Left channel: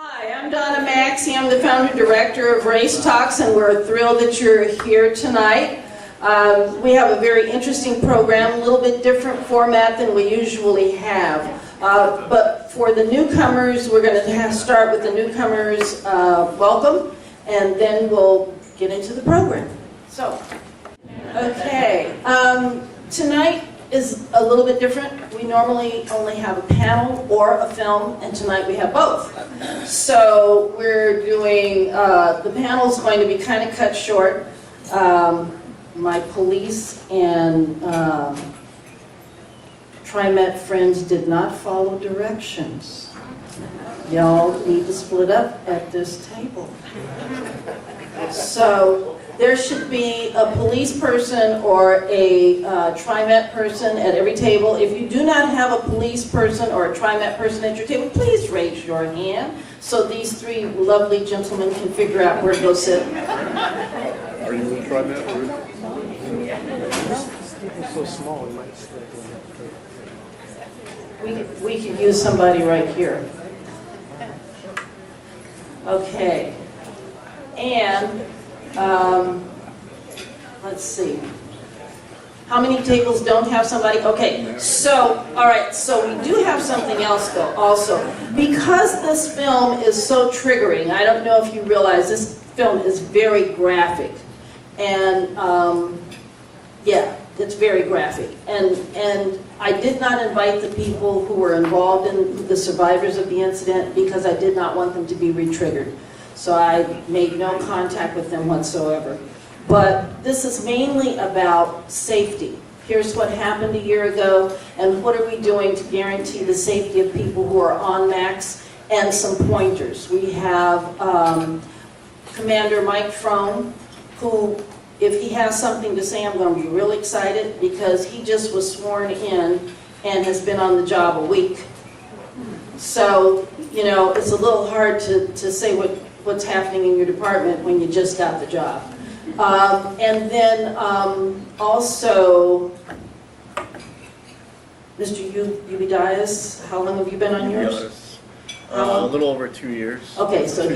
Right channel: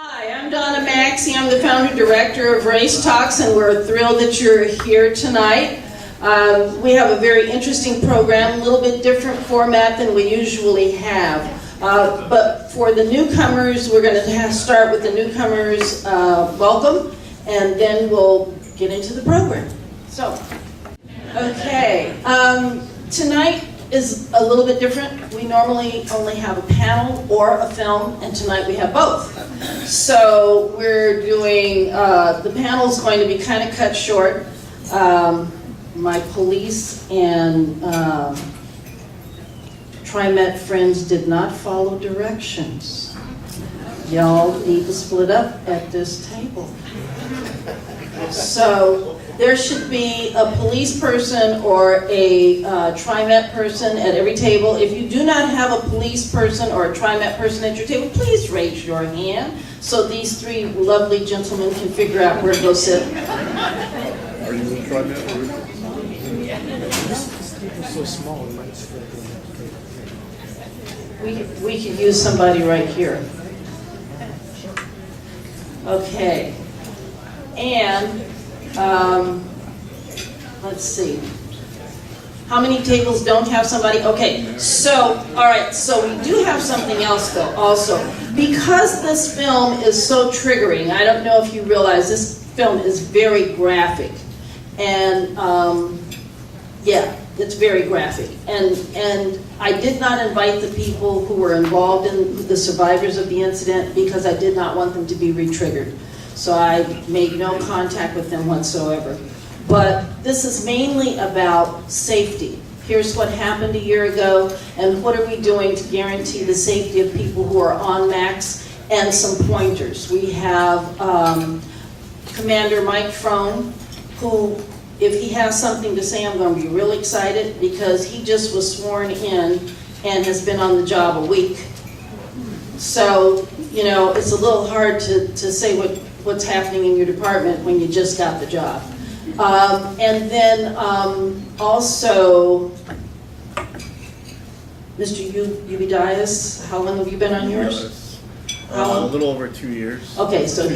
Hi, I'm Donna Maxey. I'm the founder director of Race Talks, and we're thrilled that you're here tonight. We have a very interesting program, a little bit different format than we usually have. But for the newcomers, we're going to start with the newcomers welcome, and then we'll get into the program. So, okay, tonight is a little bit different. We normally only have a panel or a film, and tonight we have both. So we're doing, the panel's going to be kind of cut short. My police and TriMet friends did not follow directions. Y'all need to split up at this table. So there should be a police person or a TriMet person at every table. If you do not have a police person or a TriMet person at your table, please raise your hand so these three lovely gentlemen can figure out where to go sit. Are you in TriMet group? It's so small, it might stick. We could use somebody right here. Okay. And let's see. How many tables don't have somebody? Okay, so, all right, so we do have something else though, also. Because this film is so triggering, I don't know if you realize this film is very graphic. And, yeah, it's very graphic. And I did not invite the people who were involved in the survivors of the incident because I did not want them to be re-triggered. So I made no contact with them whatsoever. But this is mainly about safety. Here's what happened a year ago, and what are we doing to guarantee the safety of people who are on max, and some pointers. We have Commander Mike Frone, who, if he has something to say, I'm going to be really excited, because he just was sworn in and has been on the job a week. So, you know, it's a little hard to say what's happening in your department when you just got the job. And then also, Mr. Ubidias, how long have you been on yours? A little over 2 years. Okay, so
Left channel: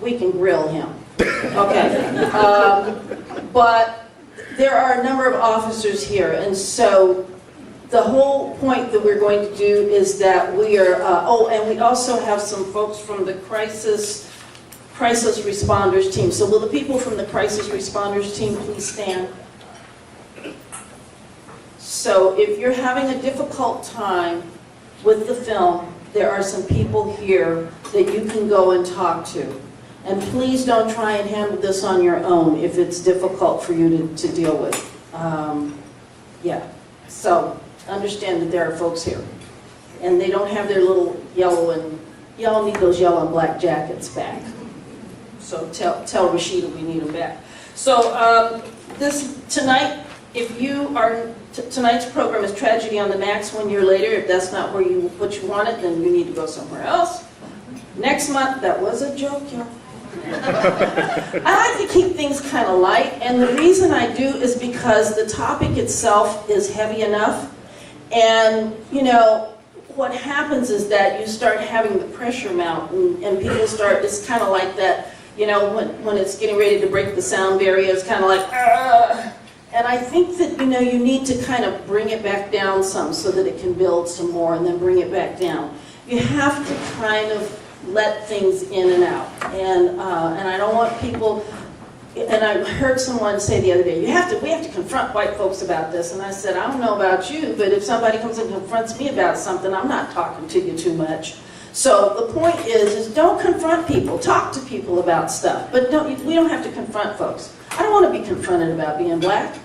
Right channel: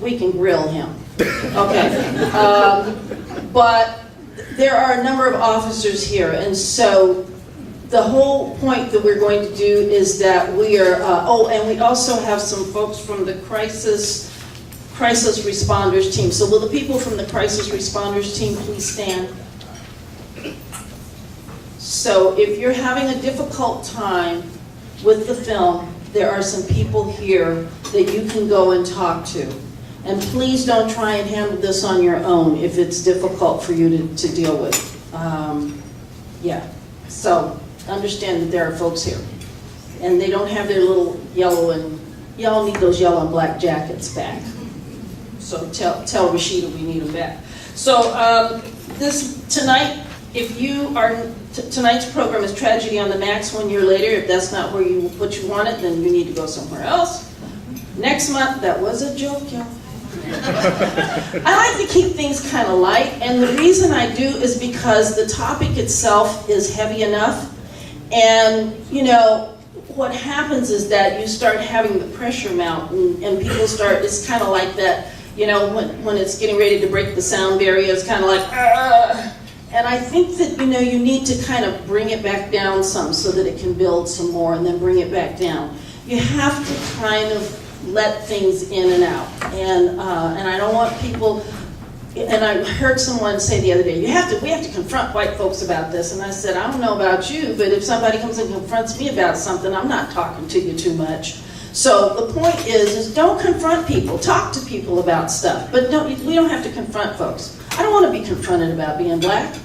we can grill him. Okay. But there are a number of officers here, and so the whole point that we're going to do is that we are, oh, and we also have some folks from the crisis responders team. So will the people from the crisis responders team please stand? So if you're having a difficult time with the film, there are some people here that you can go and talk to. And please don't try and handle this on your own if it's difficult for you to deal with. Yeah, so understand that there are folks here. And they don't have their little y'all need those yellow and black jackets back. So tell Rashida we need them back. So tonight, if you are, tonight's program is Tragedy on the Max 1 year later. If that's not what you wanted, then you need to go somewhere else. Next month, that was a joke, y'all. I like to keep things kind of light, and the reason I do is because the topic itself is heavy enough, and you know, what happens is that you start having the pressure mount, and people start, it's kind of like that, you know, when it's getting ready to break the sound barrier, it's kind of like, and I think that, you know, you need to kind of bring it back down some so that it can build some more, and then bring it back down. You have to kind of let things in and out, and I don't want people, and I heard someone say the other day, we have to confront white folks about this, and I said, I don't know about you, but if somebody comes and confronts me about something, I'm not talking to you too much. So the point is don't confront people, talk to people about stuff, but we don't have to confront folks. I don't want to be confronted about being black.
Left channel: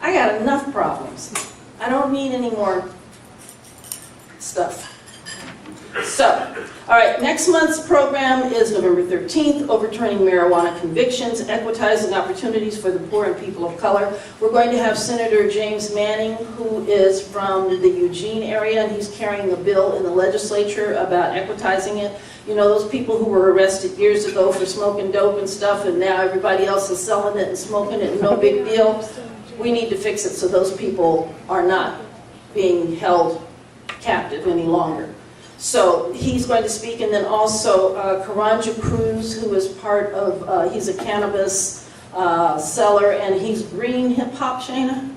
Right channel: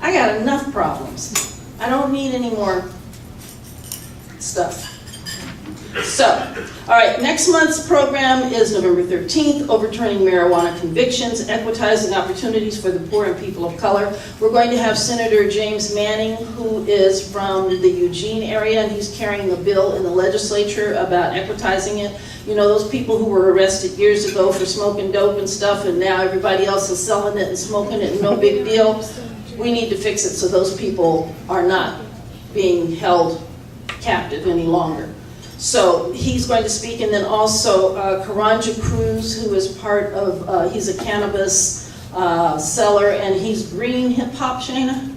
I got enough problems. I don't need any more stuff. So, all right, next month's program is November 13th, Overturning Marijuana Convictions, Equitizing Opportunities for the Poor and People of Color. We're going to have Senator James Manning, who is from the Eugene area, and he's carrying a bill in the legislature about equitizing it. You know, those people who were arrested years ago for smoking dope and stuff, and now everybody else is selling it and smoking it, and no big deal. We need to fix it so those people are not being held captive any longer. So he's going to speak, and then also Karanja Cruz, who is part of, he's a cannabis seller, and he's Green Hip Hop, Shana?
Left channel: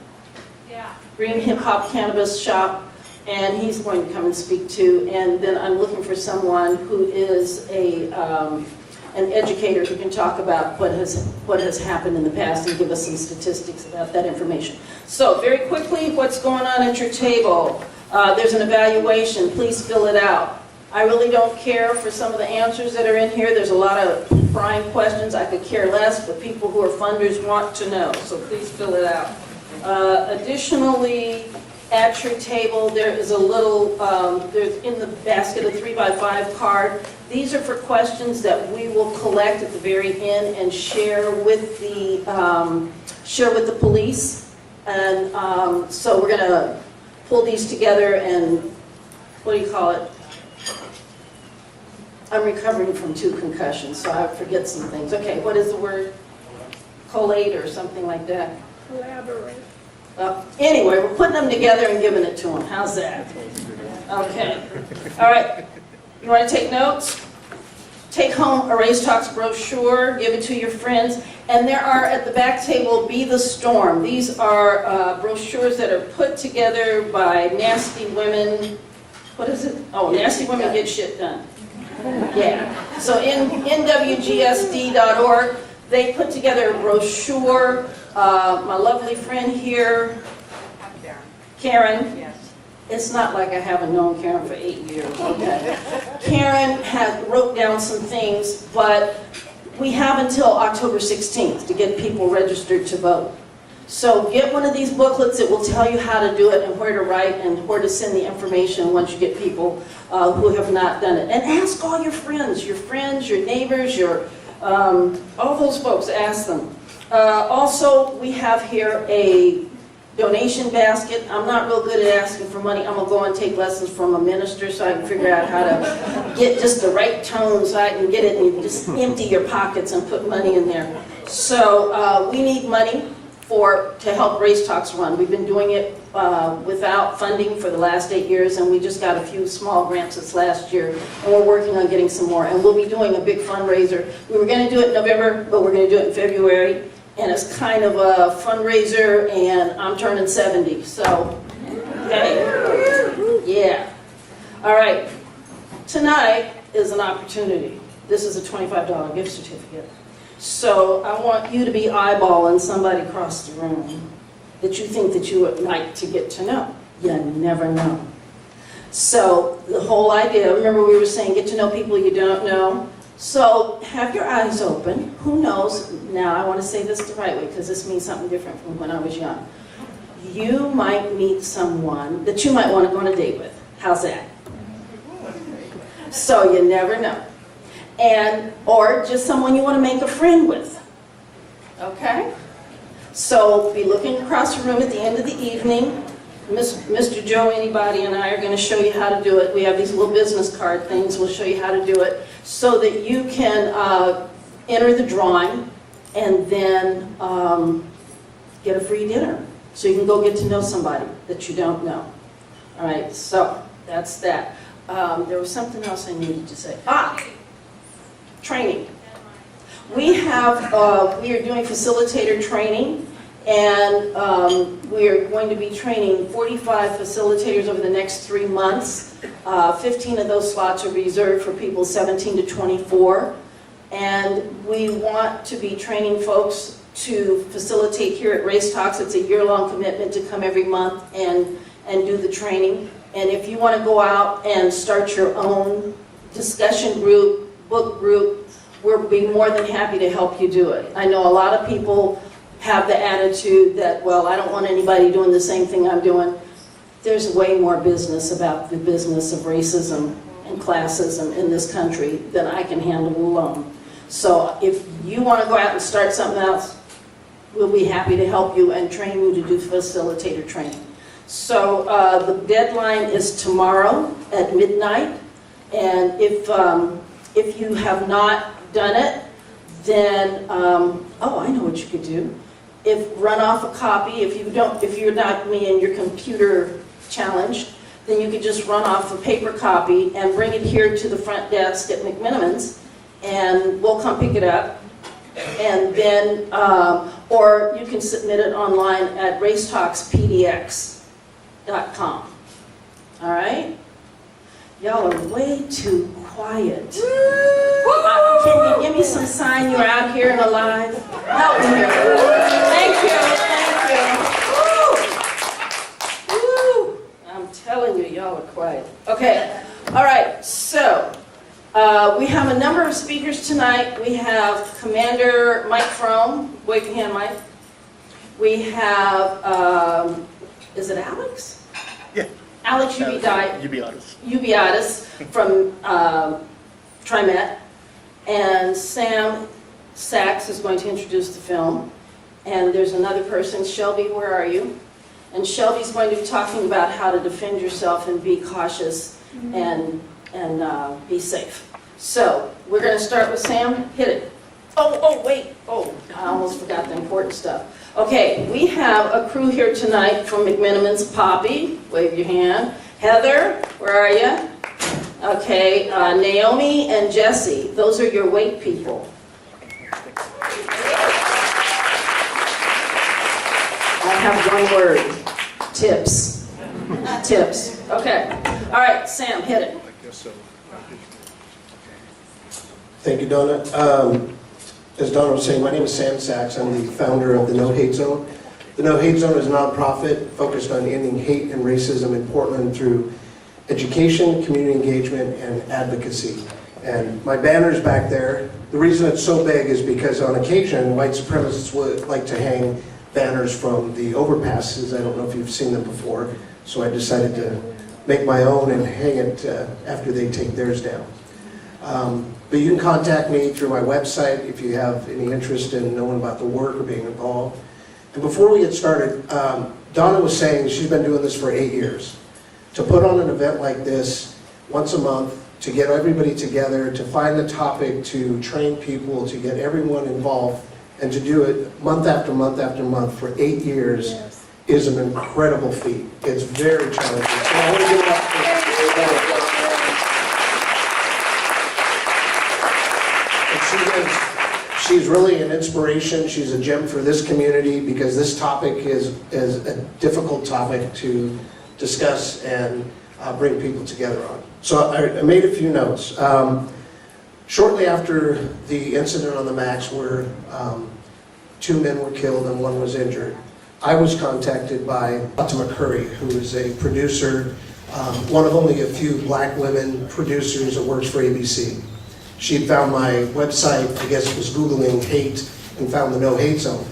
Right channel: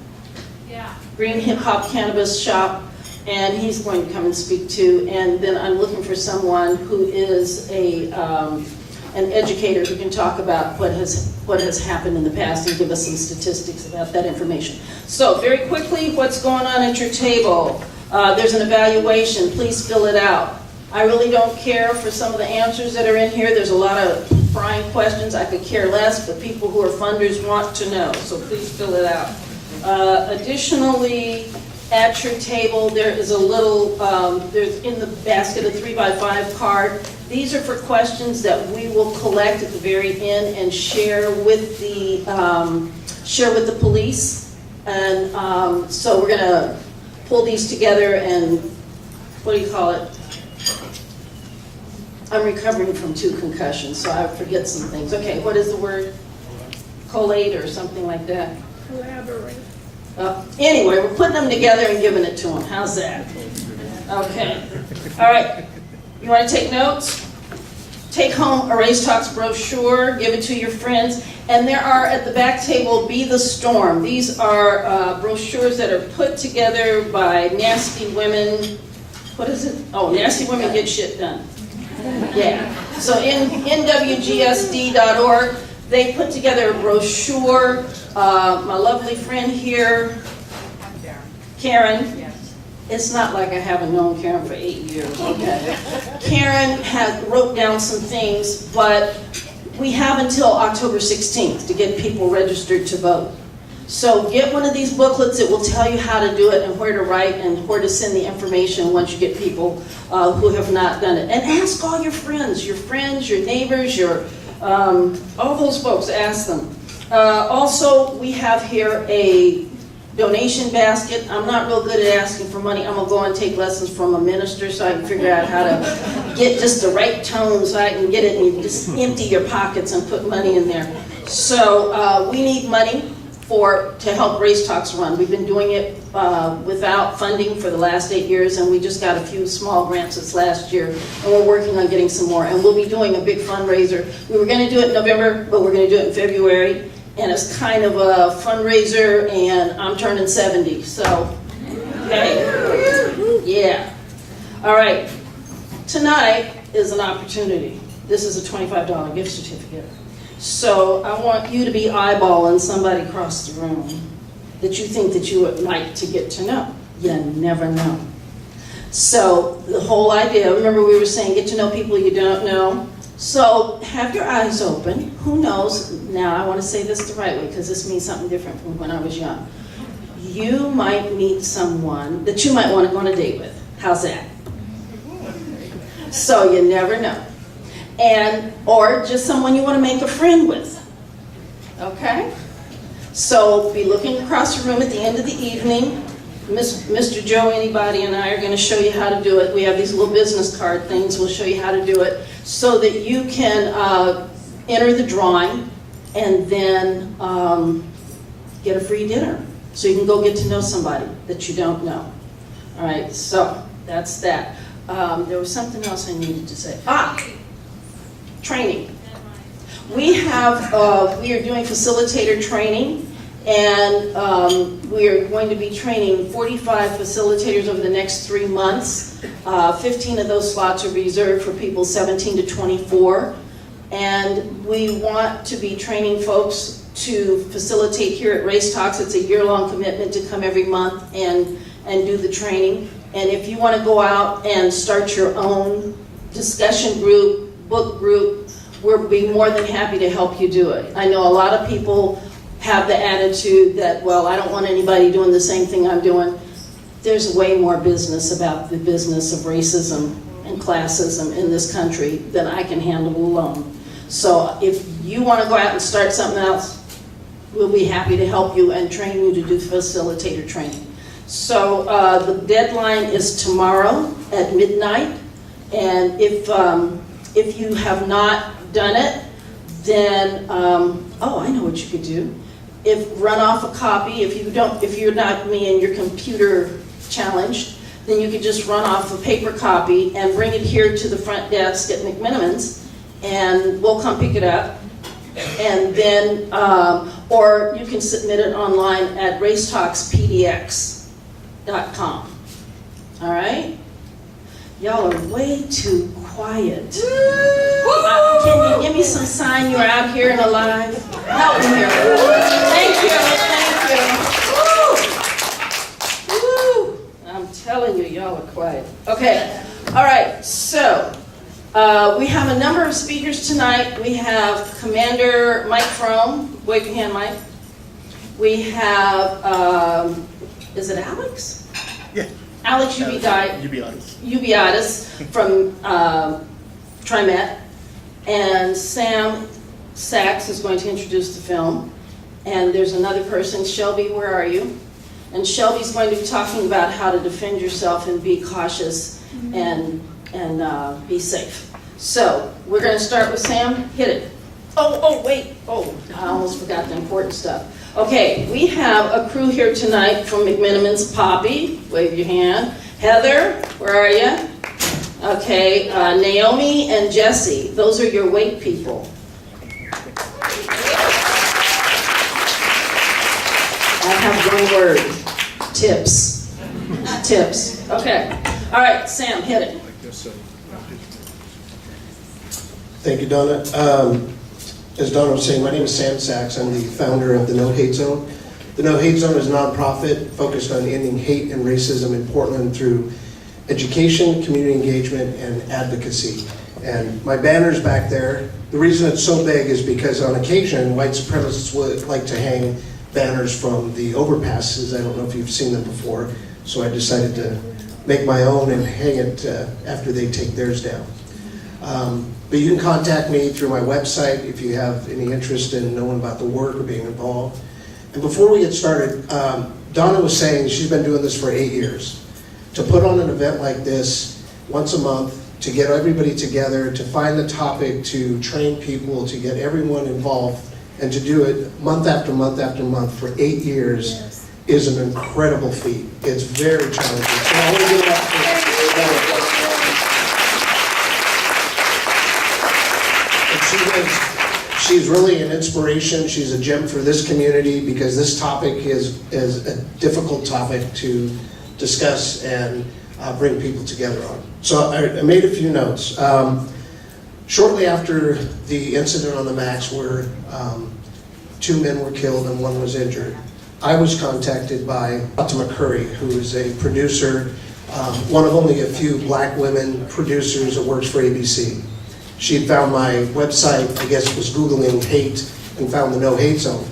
Yeah. Green Hip Hop Cannabis Shop, and he's going to come and speak too. And then I'm looking for someone who is an educator who can talk about what has happened in the past and give us some statistics about that information. So very quickly, what's going on at your table? There's an evaluation. Please fill it out. I really don't care for some of the answers that are in here. There's a lot of prying questions. I could care less, but people who are funders want to know, so please fill it out. Additionally, at your table, there is a little, there's in the basket a 3x5 card. These are for questions that we will collect at the very end and share with the police. And so we're gonna pull these together and, what do you call it? I'm recovering from 2 concussions, so I forget some things. Okay, what is the word? Collate or something like that? Collaborate. Anyway, we're putting them together and giving it to them. How's that? Okay. All right. You want to take notes? Take home a Race Talks brochure. Give it to your friends. And there are, at the back table, Be the Storm. These are brochures that are put together by Nasty Women. What is it? Oh, Nasty Women Get Shit Done. Yeah. So in nwgsd.org, they put together a brochure. My lovely friend here, Karen, it's not like I haven't known Karen for 8 years, okay? Karen wrote down some things, but we have until October 16th to get people registered to vote. So get one of these booklets. It will tell you how to do it and where to write and where to send the information once you get people who have not done it. And ask all your friends, your neighbors, all those folks, ask them. Also, we have here a donation basket. I'm not real good at asking for money. I'm going to go and take lessons from a minister so I can figure out how to get just the right tone so I can get it and you just empty your pockets and put money in there. So we need money to help Race Talks run. We've been doing it without funding for the last 8 years, and we just got a few small grants this last year, and we're working on getting some more. And we'll be doing a big fundraiser. We were going to do it in November, but we're going to do it in February. And it's kind of a fundraiser, and I'm turning 70, so, hey, yeah. All right, tonight is an opportunity. This is a $25 gift certificate. So I want you to be eyeballing somebody across the room that you think that you would like to get to know. You never know. So the whole idea, remember we were saying get to know people you don't know. So have your eyes open. Who knows? Now I want to say this the right way because this means something different from when I was young. You might meet someone that you might want to go on a date with. How's that? So you never know. Or just someone you want to make a friend with. Okay? So be looking across the room at the end of the evening. Mr. Joe, anybody, and I are going to show you how to do it. We have these little business card things. We'll show you how to do it so that you can enter the drawing and then get a free dinner. So you can go get to know somebody that you don't know. All right, so that's that. There was something else I needed to say. Training. We are doing facilitator training. And we are going to be training 45 facilitators over the next 3 months. 15 of those slots are reserved for people 17 to 24. And we want to be training folks to facilitate here at Race Talks. It's a year-long commitment to come every month and do the training. And if you want to go out and start your own discussion group, book group, we'll be more than happy to help you do it. I know a lot of people have the attitude that, well, I don't want anybody doing the same thing I'm doing. There's way more business about the business of racism and classism in this country than I can handle alone. So if you want to go out and start something else, we'll be happy to help you and train you to do facilitator training. So the deadline is tomorrow at midnight. And if you have not done it, then, oh, I know what you could do. Run off a copy. If you're not me and you're computer challenged, then you could just run off a paper copy and bring it here to the front desk at McMenamins, and we'll come pick it up. And then, or you can submit it online at racetalkspdx.com. All right? Y'all are way too quiet. Can you give me some sign you're out here and alive? Help me here. Thank you, thank you. Woo. Woo. I'm telling you, y'all are quiet. Okay, all right, so we have a number of speakers tonight. We have Commander Mike Frome. Wave your hand, Mike. We have, is it Alex? Yeah. Alex Ubiatis from TriMet, and Sam Sacs is going to introduce the film. And there's another person, Shelby, where are you? And Shelby's going to be talking about how to defend yourself and be cautious and be safe. So we're going to start with Sam. Hit it. Oh, wait. Oh, I almost forgot the important stuff. Okay, we have a crew here tonight from McMenamins. Poppy, wave your hand. Heather, where are you? Okay, Naomi and Jesse, those are your weight people. I have one word, tips. Tips, okay. All right, Sam, hit it. I guess so. Thank you, Donna. As Donna was saying, my name is Sam Sacs. I'm the founder of the No Hate Zone. The No Hate Zone is a nonprofit focused on ending hate and racism in Portland through education, community engagement, and advocacy. And my banner's back there. The reason it's so big is because on occasion, white supremacists would like to hang banners from the overpasses. I don't know if you've seen them before, so I decided to make my own and hang it after they take theirs down. But you can contact me through my website if you have any interest in knowing about the work or being involved. And before we get started, Donna was saying she's been doing this for 8 years. To put on an event like this once a month, to get everybody together, to find the topic, to train people, to get everyone involved, and to do it month after month after month for 8 years is an incredible feat. It's very challenging. So I want to give it up for she's really an inspiration. She's a gem for this community because this topic is a difficult topic to discuss and bring people together on. So I made a few notes. Shortly after the incident on the Max where 2 men were killed and 1 was injured, I was contacted by Fatima Curry, who is a producer, one of only a few black women producers that works for ABC. She had found my website, I guess was Googling hate, and found the No Hate Zone.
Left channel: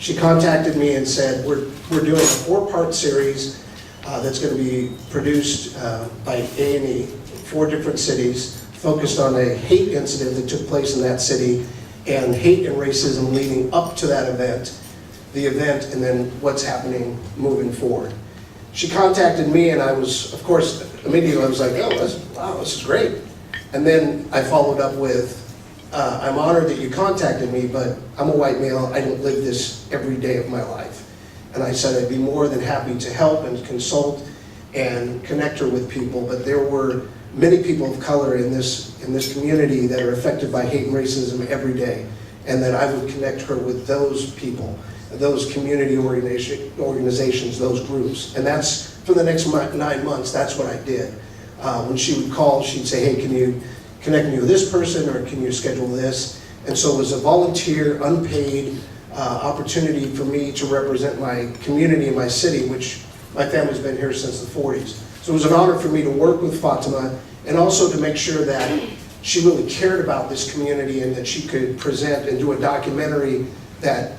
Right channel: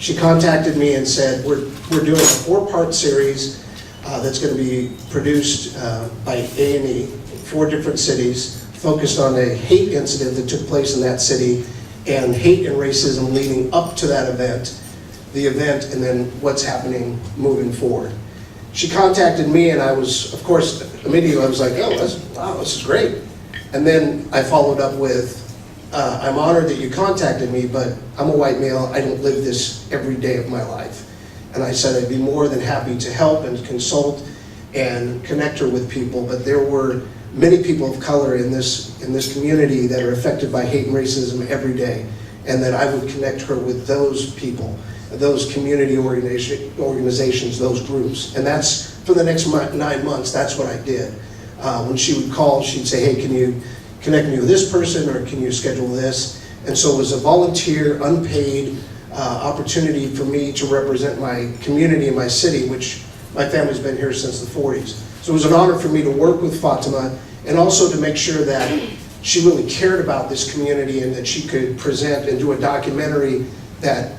She contacted me and said, we're doing a 4-part series that's going to be produced by A&E, 4 different cities, focused on a hate incident that took place in that city, and hate and racism leading up to that event, the event, and then what's happening moving forward. She contacted me, and I was, of course, immediately I was like, oh, wow, this is great. And then I followed up with, I'm honored that you contacted me, but I'm a white male, I don't live this every day of my life. And I said I'd be more than happy to help and consult and connect her with people, but there were many people of color in this community that are affected by hate and racism every day, and that I would connect her with those people, those community organizations, those groups. And that's, for the next 9 months, that's what I did. When she would call, she'd say, hey, can you connect me with this person, or can you schedule this? And so it was a volunteer, unpaid opportunity for me to represent my community and my city, which my family's been here since the 40s. So it was an honor for me to work with Fatima, and also to make sure that she really cared about this community and that she could present and do a documentary that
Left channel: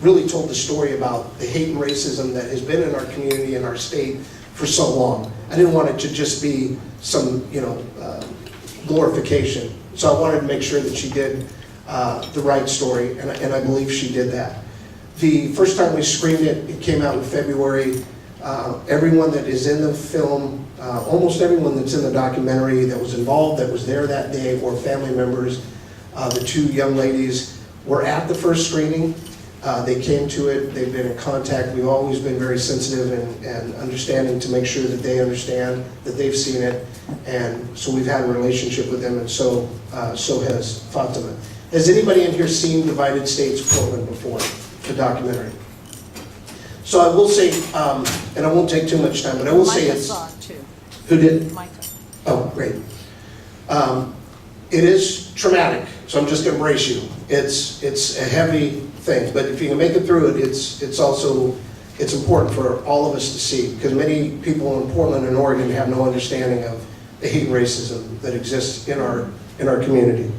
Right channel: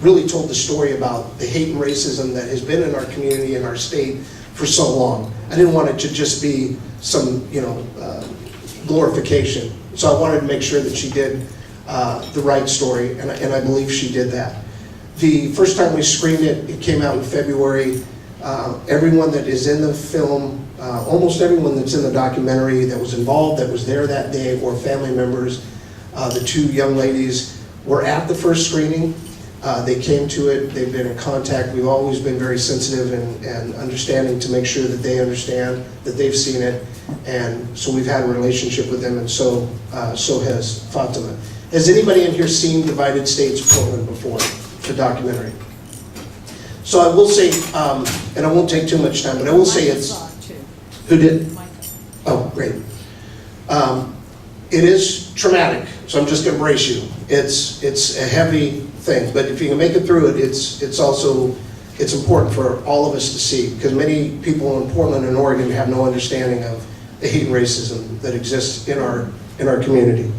really told the story about the hate and racism that has been in our community and our state for so long. I didn't want it to just be some, glorification. So I wanted to make sure that she did the right story, and I believe she did that. The first time we screened it, it came out in February. Everyone that is in the film, almost everyone that's in the documentary that was involved, that was there that day, or family members. The 2 young ladies were at the first screening. They came to it, they've been in contact. We've always been very sensitive and understanding to make sure that they understand that they've seen it. And so we've had a relationship with them, and so has Fatima. Has anybody in here seen Divided States Portland before, the documentary? So I will say, and I won't take too much time, but I will say it's... Micah saw it too. Who did? Micah. Oh, great. It is traumatic, so I'm just going to brace you. It's a heavy thing, but if you can make it through it, it's also important for all of us to see, because many people in Portland and Oregon have no understanding of the hate and racism that exists in our community.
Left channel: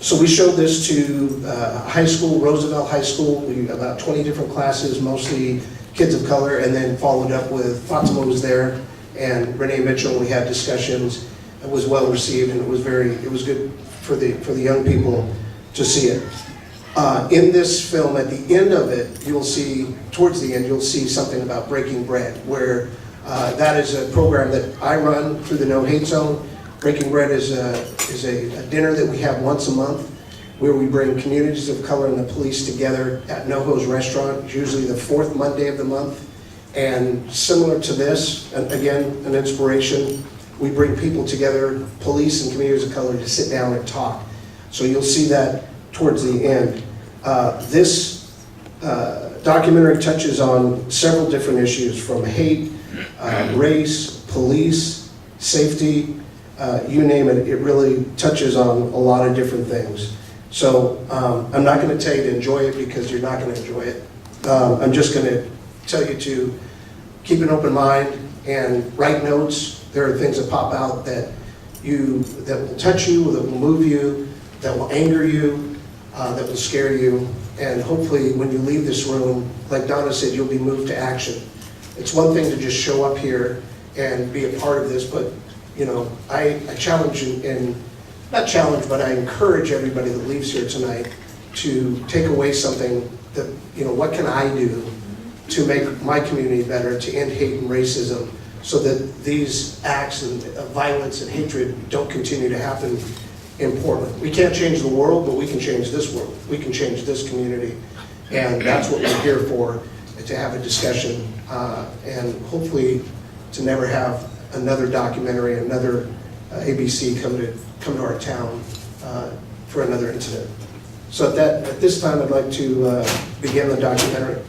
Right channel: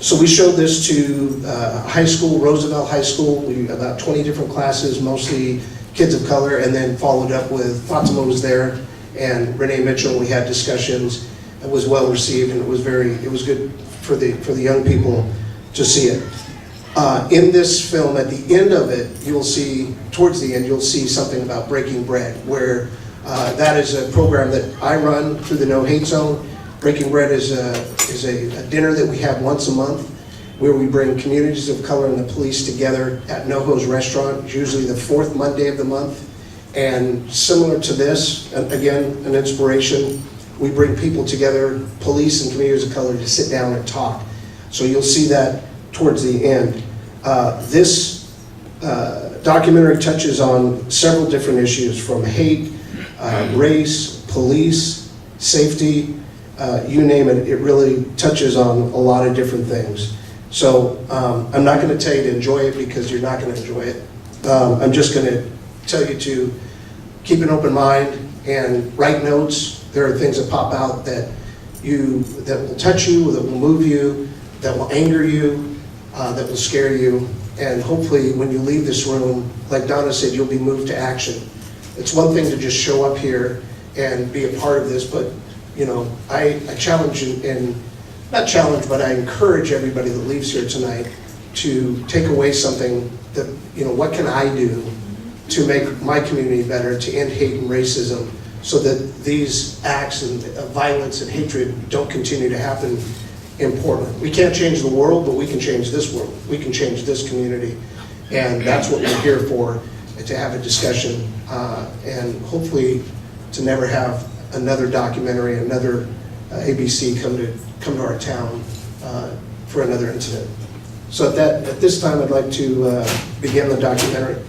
So we showed this to high school, Roosevelt High School, about 20 different classes, mostly kids of color, and then followed up with Fatima was there, and Renee Mitchell. We had discussions. It was well received, and it was good for the young people to see it. In this film, at the end of it, you'll see, towards the end, you'll see something about breaking bread, where that is a program that I run through the No Hate Zone. Breaking Bread is a dinner that we have once a month, where we bring communities of color and the police together at NoHo's restaurant, usually the fourth Monday of the month. And similar to this, again, an inspiration, we bring people together, police and communities of color, to sit down and talk. So you'll see that towards the end. This documentary touches on several different issues, from hate, race, police, safety, you name it. It really touches on a lot of different things. So I'm not going to tell you to enjoy it, because you're not going to enjoy it. I'm just going to tell you to keep an open mind and write notes. There are things that pop out that will touch you, that will move you, that will anger you, that will scare you. And hopefully when you leave this room, like Donna said, you'll be moved to action. It's one thing to just show up here and be a part of this, but you know, I challenge and not challenge, but I encourage everybody that leaves here tonight to take away something that, you know, what can I do to make my community better, to end hate and racism, so that these acts of violence and hatred don't continue to happen in Portland. We can't change the world, but we can change this world. We can change this community. And that's what we're here for, to have a discussion, and hopefully to never have another documentary, another ABC come to our town for another incident. So at this time, I'd like to begin the documentary.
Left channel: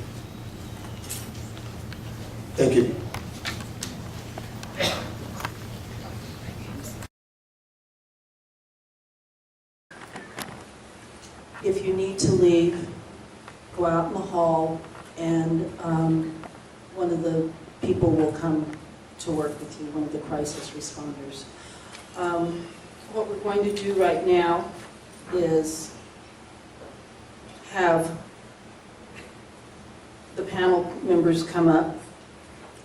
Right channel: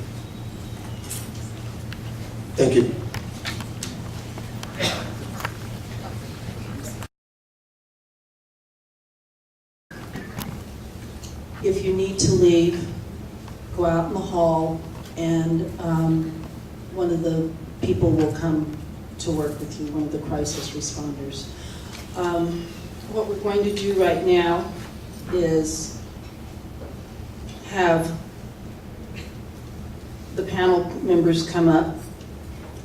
Thank you. If you need to leave, go out in the hall, and one of the people will come to work with you, one of the crisis responders. What we're going to do right now is have the panel members come up,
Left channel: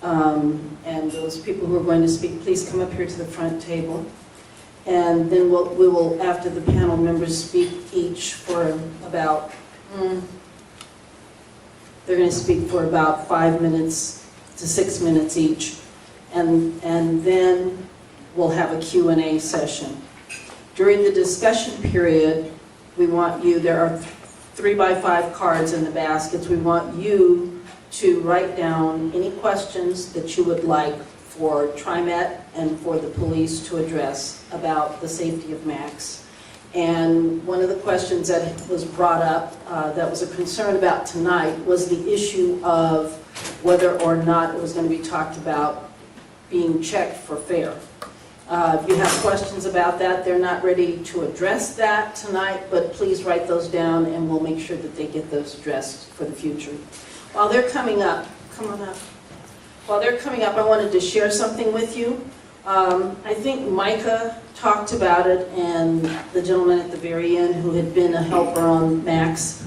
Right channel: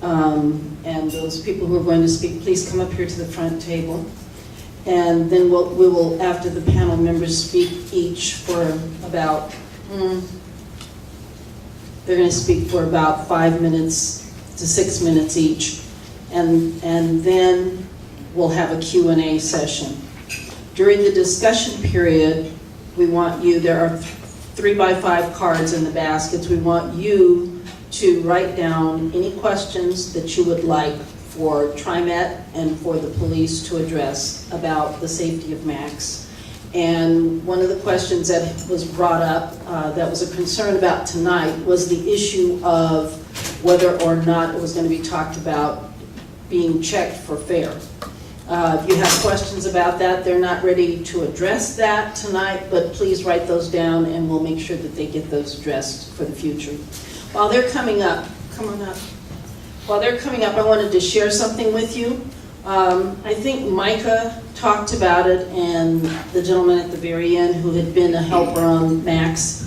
and those people who are going to speak, please come up here to the front table. And then we will, after the panel members speak each for about, they're going to speak for about 5 minutes to 6 minutes each. And then we'll have a Q&A session. During the discussion period, we want you, there are 3x5 cards in the baskets. We want you to write down any questions that you would like for TriMet and for the police to address about the safety of Max. And one of the questions that was brought up, that was a concern about tonight, was the issue of whether or not it was going to be talked about being checked for fare. If you have questions about that, they're not ready to address that tonight, but please write those down and we'll make sure that they get those addressed for the future. While they're coming up, come on up. While they're coming up, I wanted to share something with you. I think Micah talked about it, and the gentleman at the very end who had been a helper on Max.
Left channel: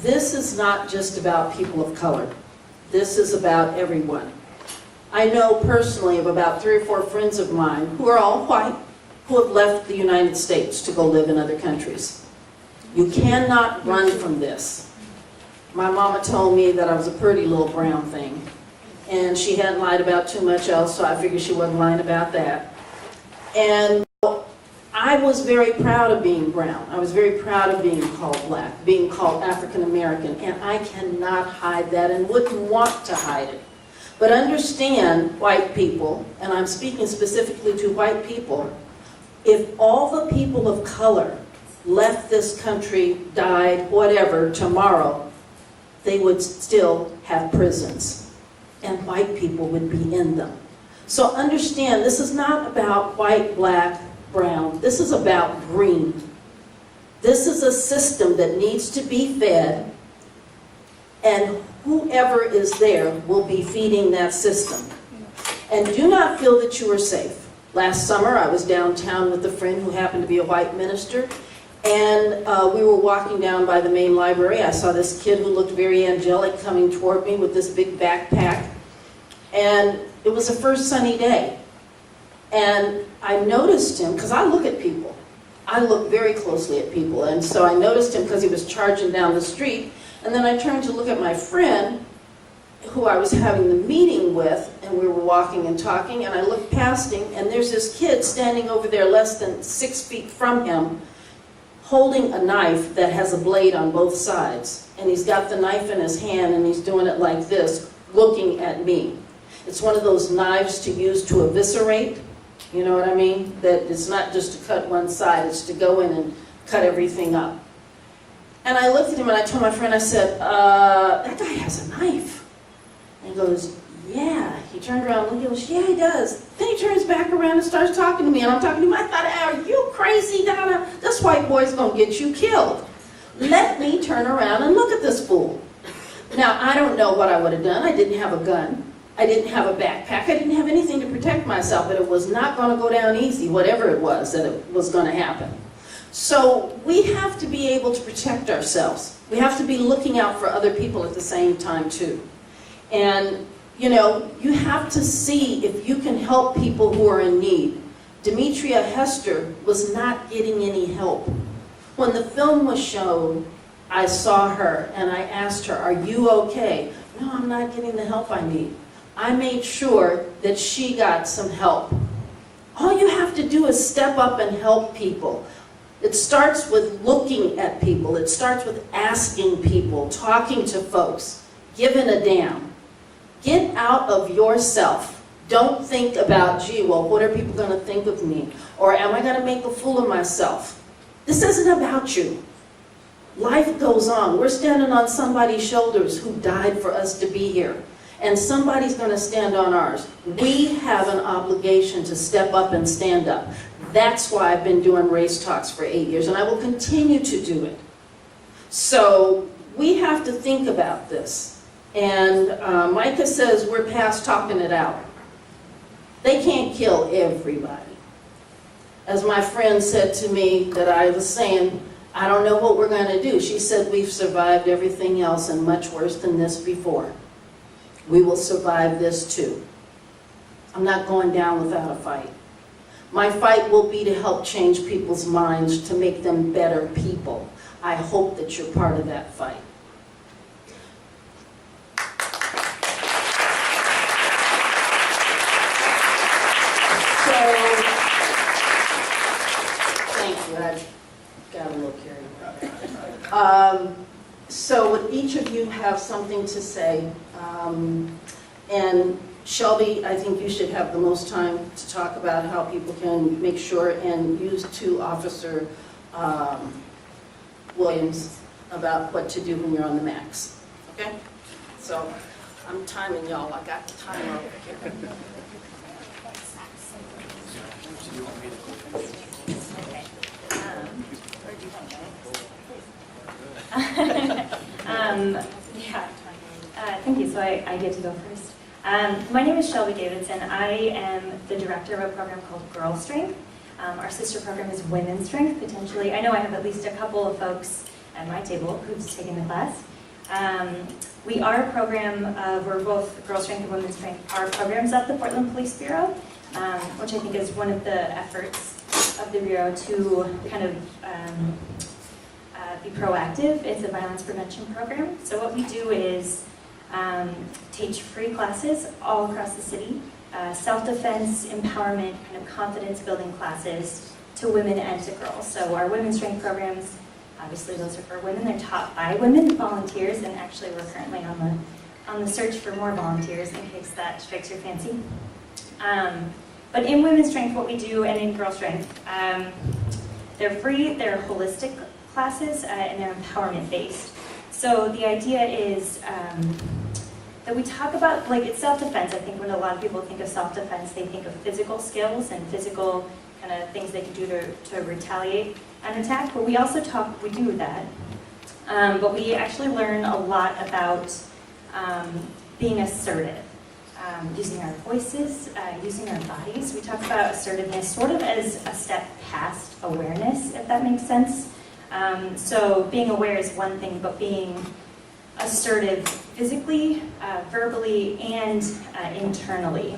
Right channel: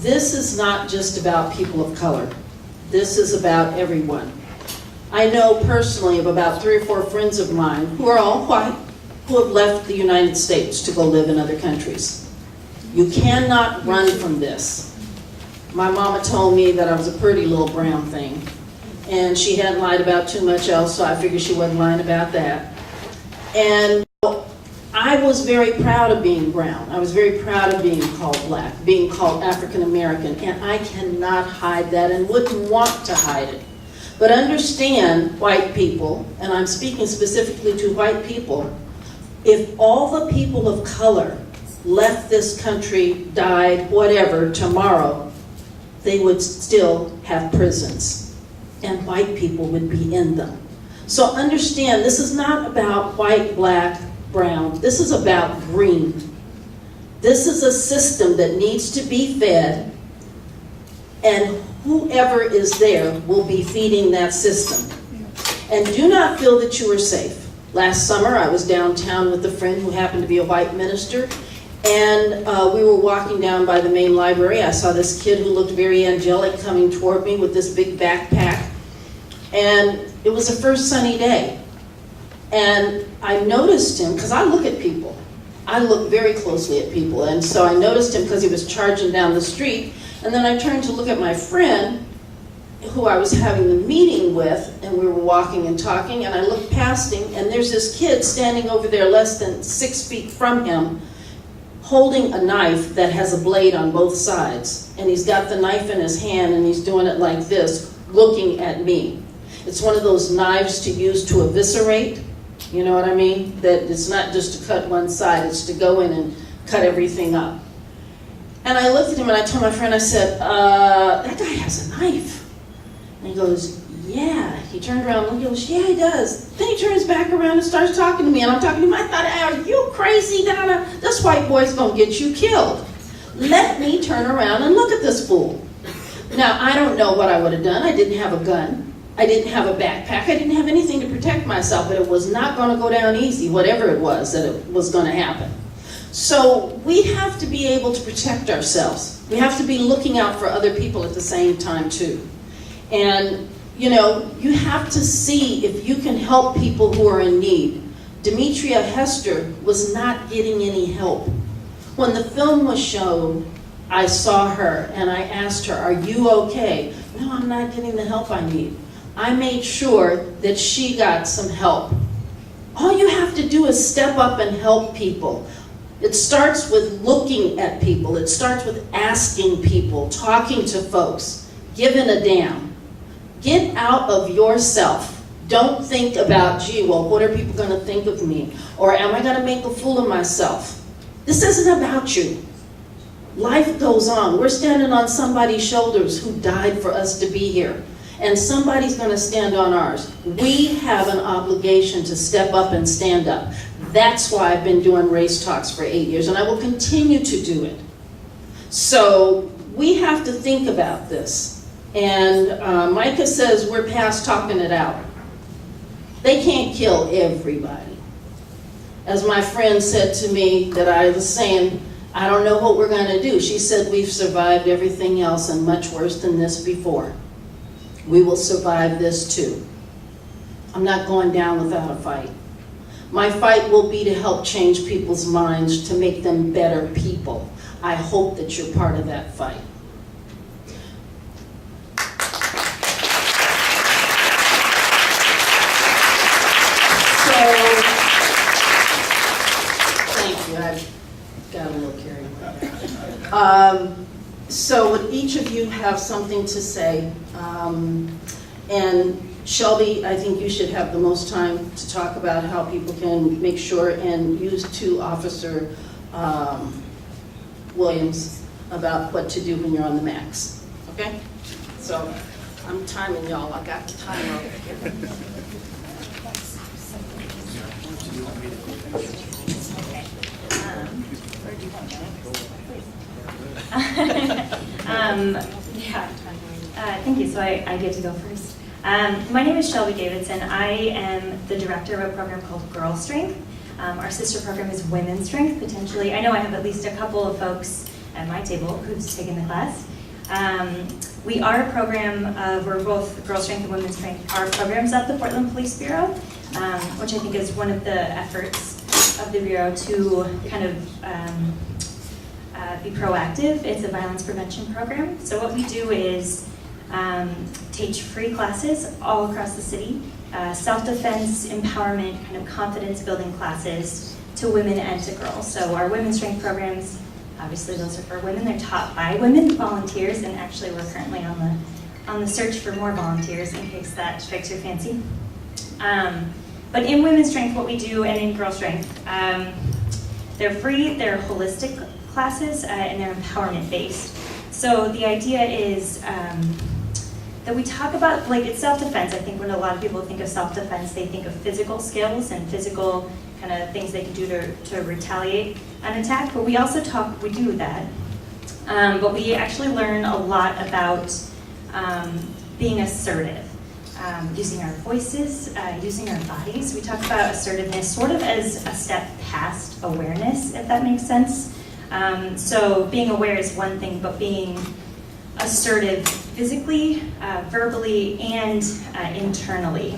This is not just about people of color. This is about everyone. I know personally of about 3 or 4 friends of mine who are all white, who have left the United States to go live in other countries. You cannot run from this. My mama told me that I was a pretty little brown thing, and she hadn't lied about too much else, so I figured she wasn't lying about that. And I I was very proud of being brown. I was very proud of being called black, being called African American, and I cannot hide that and wouldn't want to hide it. But understand, white people, and I'm speaking specifically to white people, if all the people of color left this country, died, whatever, tomorrow, they would still have prisons, and white people would be in them. So understand, this is not about white, black, brown. This is about green. This is a system that needs to be fed, and whoever is there will be feeding that system. And do not feel that you are safe. Last summer, I was downtown with a friend who happened to be a white minister, and we were walking down by the main library. I saw this kid who looked very angelic coming toward me with this big backpack, and it was the first sunny day. And I noticed him, because I look at people. I look very closely at people, and so I noticed him because he was charging down the street, and then I turned to look at my friend, who I was having the meeting with, and we were walking and talking, and I looked past him, and there's this kid standing over there less than 6 feet from him, holding a knife that has a blade on both sides. And he's got the knife in his hand, and he's doing it like this, looking at me. It's one of those knives to use to eviscerate, you know what I mean? That it's not just to cut one side, it's to go in and cut everything up. And I looked at him and I told my friend, I said, that guy has a knife. And he goes, yeah. He turned around and he goes, yeah, he does. Then he turns back around and starts talking to me, and I'm talking to him. I thought, are you crazy, Donna? This white boy's gonna get you killed. Let me turn around and look at this fool. Now, I don't know what I would have done. I didn't have a gun. I didn't have a backpack. I didn't have anything to protect myself, but it was not gonna go down easy, whatever it was that it was gonna happen. So we have to be able to protect ourselves. We have to be looking out for other people at the same time too. And you know, you have to see if you can help people who are in need. Demetria Hester was not getting any help. When the film was shown, I saw her and I asked her, are you okay? No, I'm not getting the help I need. I made sure that she got some help. All you have to do is step up and help people. It starts with looking at people. It starts with asking people, talking to folks, giving a damn. Get out of yourself. Don't think about, gee, well, what are people going to think of me? Or am I going to make a fool of myself? This isn't about you. Life goes on. We're standing on somebody's shoulders who died for us to be here. And somebody's going to stand on ours. We have an obligation to step up and stand up. That's why I've been doing race talks for 8 years, and I will continue to do it. So we have to think about this. And Micah says we're past talking it out. They can't kill everybody. As my friend said to me that I was saying, I don't know what we're going to do. She said we've survived everything else and much worse than this before. We will survive this too. I'm not going down without a fight. My fight will be to help change people's minds, to make them better people. I hope that you're part of that fight. Thank you. I got a little carried away. So would each of you have something to say? And Shelby, I think you should have the most time to talk about how people can make sure and use to Officer Williams about what to do when you're on the max. Okay? So I'm timing y'all. I got the timer over here. Thank you. So I get to go first. My name is Shelby Davidson. I am the director of a program called Girl Strength. Our sister program is Women's Strength, potentially. I know I have at least a couple of folks at my table who's taken the class. We are a program, we're both Girl Strength and Women's Strength, are programs at the Portland Police Bureau, which I think is one of the efforts of the Bureau to kind of be proactive. It's a violence prevention program. So what we do is teach free classes all across the city, self-defense, empowerment, kind of confidence building classes to women and to girls. So our women's strength programs, obviously those are for women. They're taught by women volunteers, and actually we're currently on the search for more volunteers in case that strikes your fancy. But in women's strength, what we do, and in girl strength, they're free, they're holistic classes, and they're empowerment based. So the idea is that we talk about, like, it's self-defense. I think when a lot of people think of self-defense, they think of physical skills and physical kind of things they can do to retaliate an attack, but we also we do that. But we actually learn a lot about being assertive, using our voices, using our bodies. We talk about assertiveness sort of as a step past awareness, if that makes sense. So being aware is one thing, but being assertive physically, verbally, and internally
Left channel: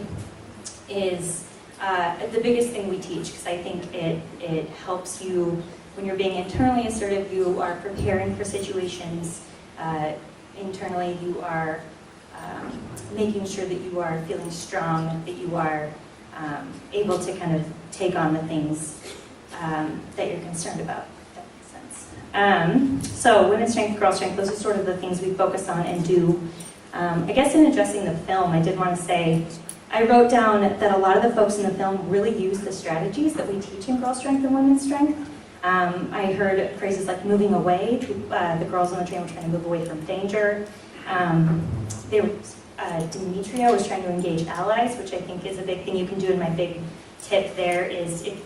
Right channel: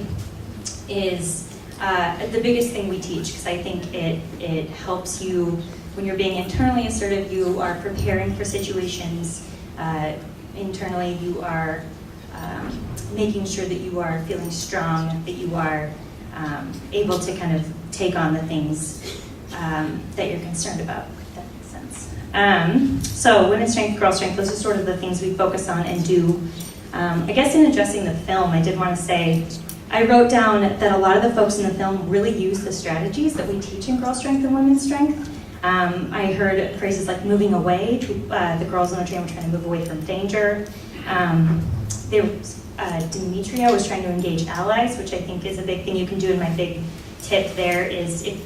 is the biggest thing we teach, because I think it helps you. When you're being internally assertive, you are preparing for situations. Internally, you are making sure that you are feeling strong, that you are able to kind of take on the things that you're concerned about, if that makes sense. So women's strength, girl strength, those are sort of the things we focus on and do. I guess in addressing the film, I did want to say, I wrote down that a lot of the folks in the film really use the strategies that we teach in girl strength and women's strength. I heard phrases like moving away. The girls on the train were trying to move away from danger. Demetria was trying to engage allies, which I think is a big thing you can do. And my big tip there is if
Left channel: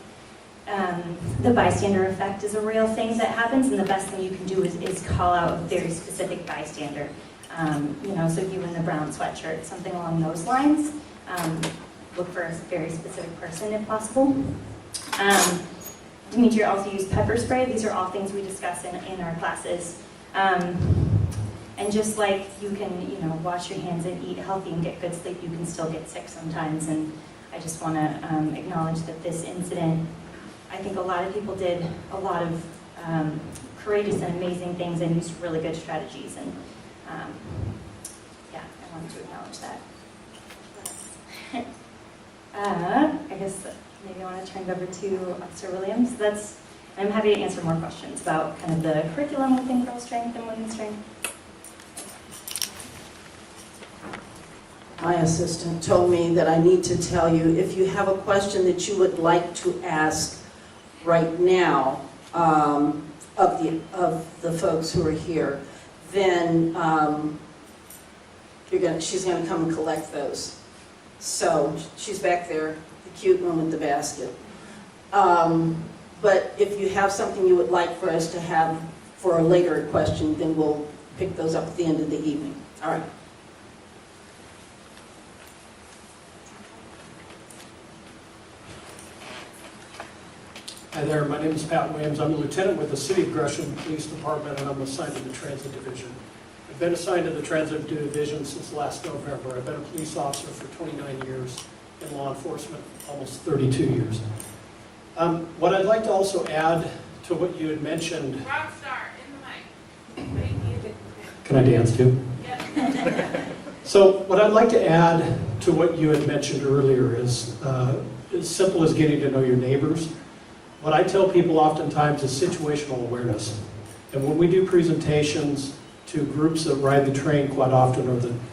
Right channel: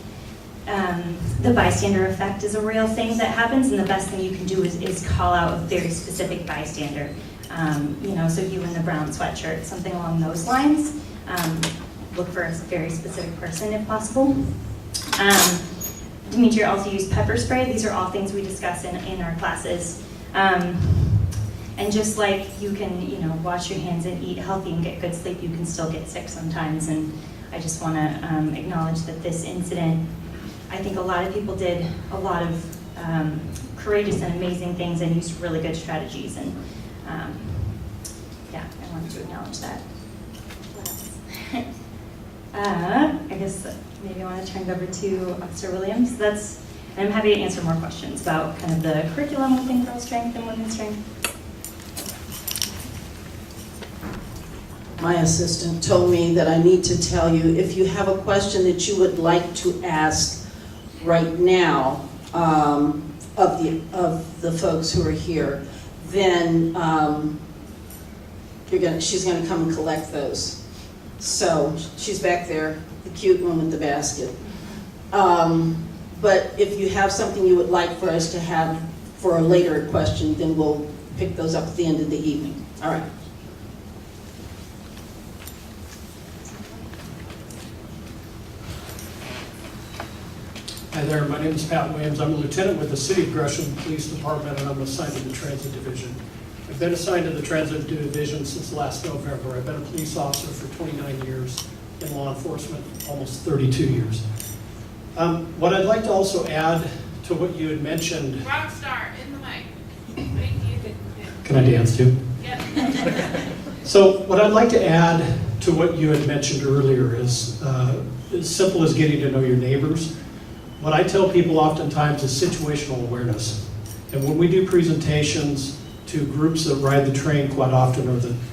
the bystander effect is a real thing that happens, and the best thing you can do is call out a very specific bystander. So you in the brown sweatshirt, something along those lines. Look for a very specific person if possible. Demetria also used pepper spray. These are all things we discuss in our classes. And just like you can, wash your hands and eat healthy and get good sleep, you can still get sick sometimes. And I just want to acknowledge that this incident, I think a lot of people did a lot of courageous and amazing things and used really good strategies. And I wanted to acknowledge that. I guess maybe I want to turn it over to Officer Williams. And I'm happy to answer more questions about kind of the curriculum within girl strength and women's strength. My assistant told me that I need to tell you, if you have a question that you would like to ask right now of the folks who are here, then she's gonna come and collect those. So she's back there, the cute one with the basket. But if you have something you would like for us to have for a later question, then we'll pick those up at the end of the evening. All right. Hi there, my name is Pat Williams. I'm a lieutenant with the City of Gresham Police Department, and I'm assigned to the Transit Division. I've been assigned to the Transit Division since last November. I've been a police officer for 29 years, in law enforcement almost 32 years. What I'd like to also add to what you had mentioned... Rockstar, in the mic. Thank you. Can I dance too? Yep. So what I'd like to add to what you had mentioned earlier is as simple as getting to know your neighbors. What I tell people oftentimes is situational awareness. And when we do presentations to groups that ride the train quite often,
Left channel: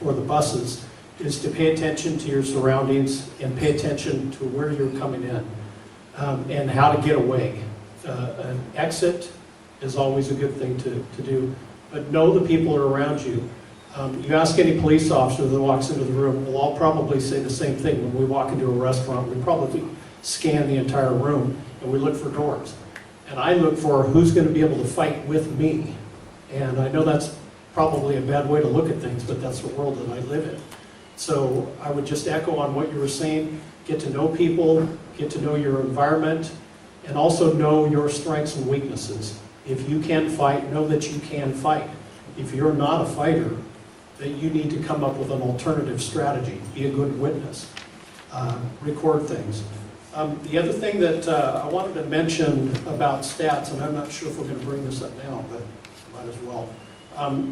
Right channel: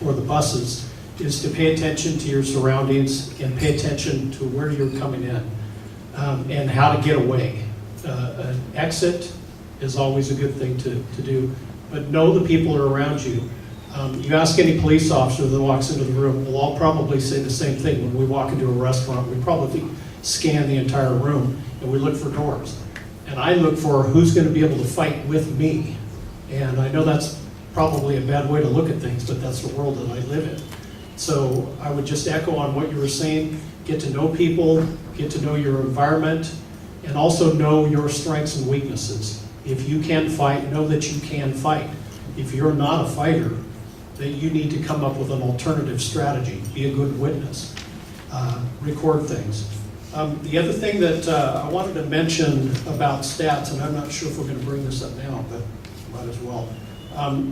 or the buses, is to pay attention to your surroundings and pay attention to where you're coming in and how to get away. An exit is always a good thing to do, but know the people are around you. You ask any police officer that walks into the room, we'll all probably say the same thing. When we walk into a restaurant, we probably scan the entire room and we look for doors. And I look for who's going to be able to fight with me. And I know that's probably a bad way to look at things, but that's the world that I live in. So I would just echo on what you were saying. Get to know people, get to know your environment, and also know your strengths and weaknesses. If you can fight, know that you can fight. If you're not a fighter, that you need to come up with an alternative strategy. Be a good witness. Record things. The other thing that I wanted to mention about stats, and I'm not sure if we're going to bring this up now, but might as well.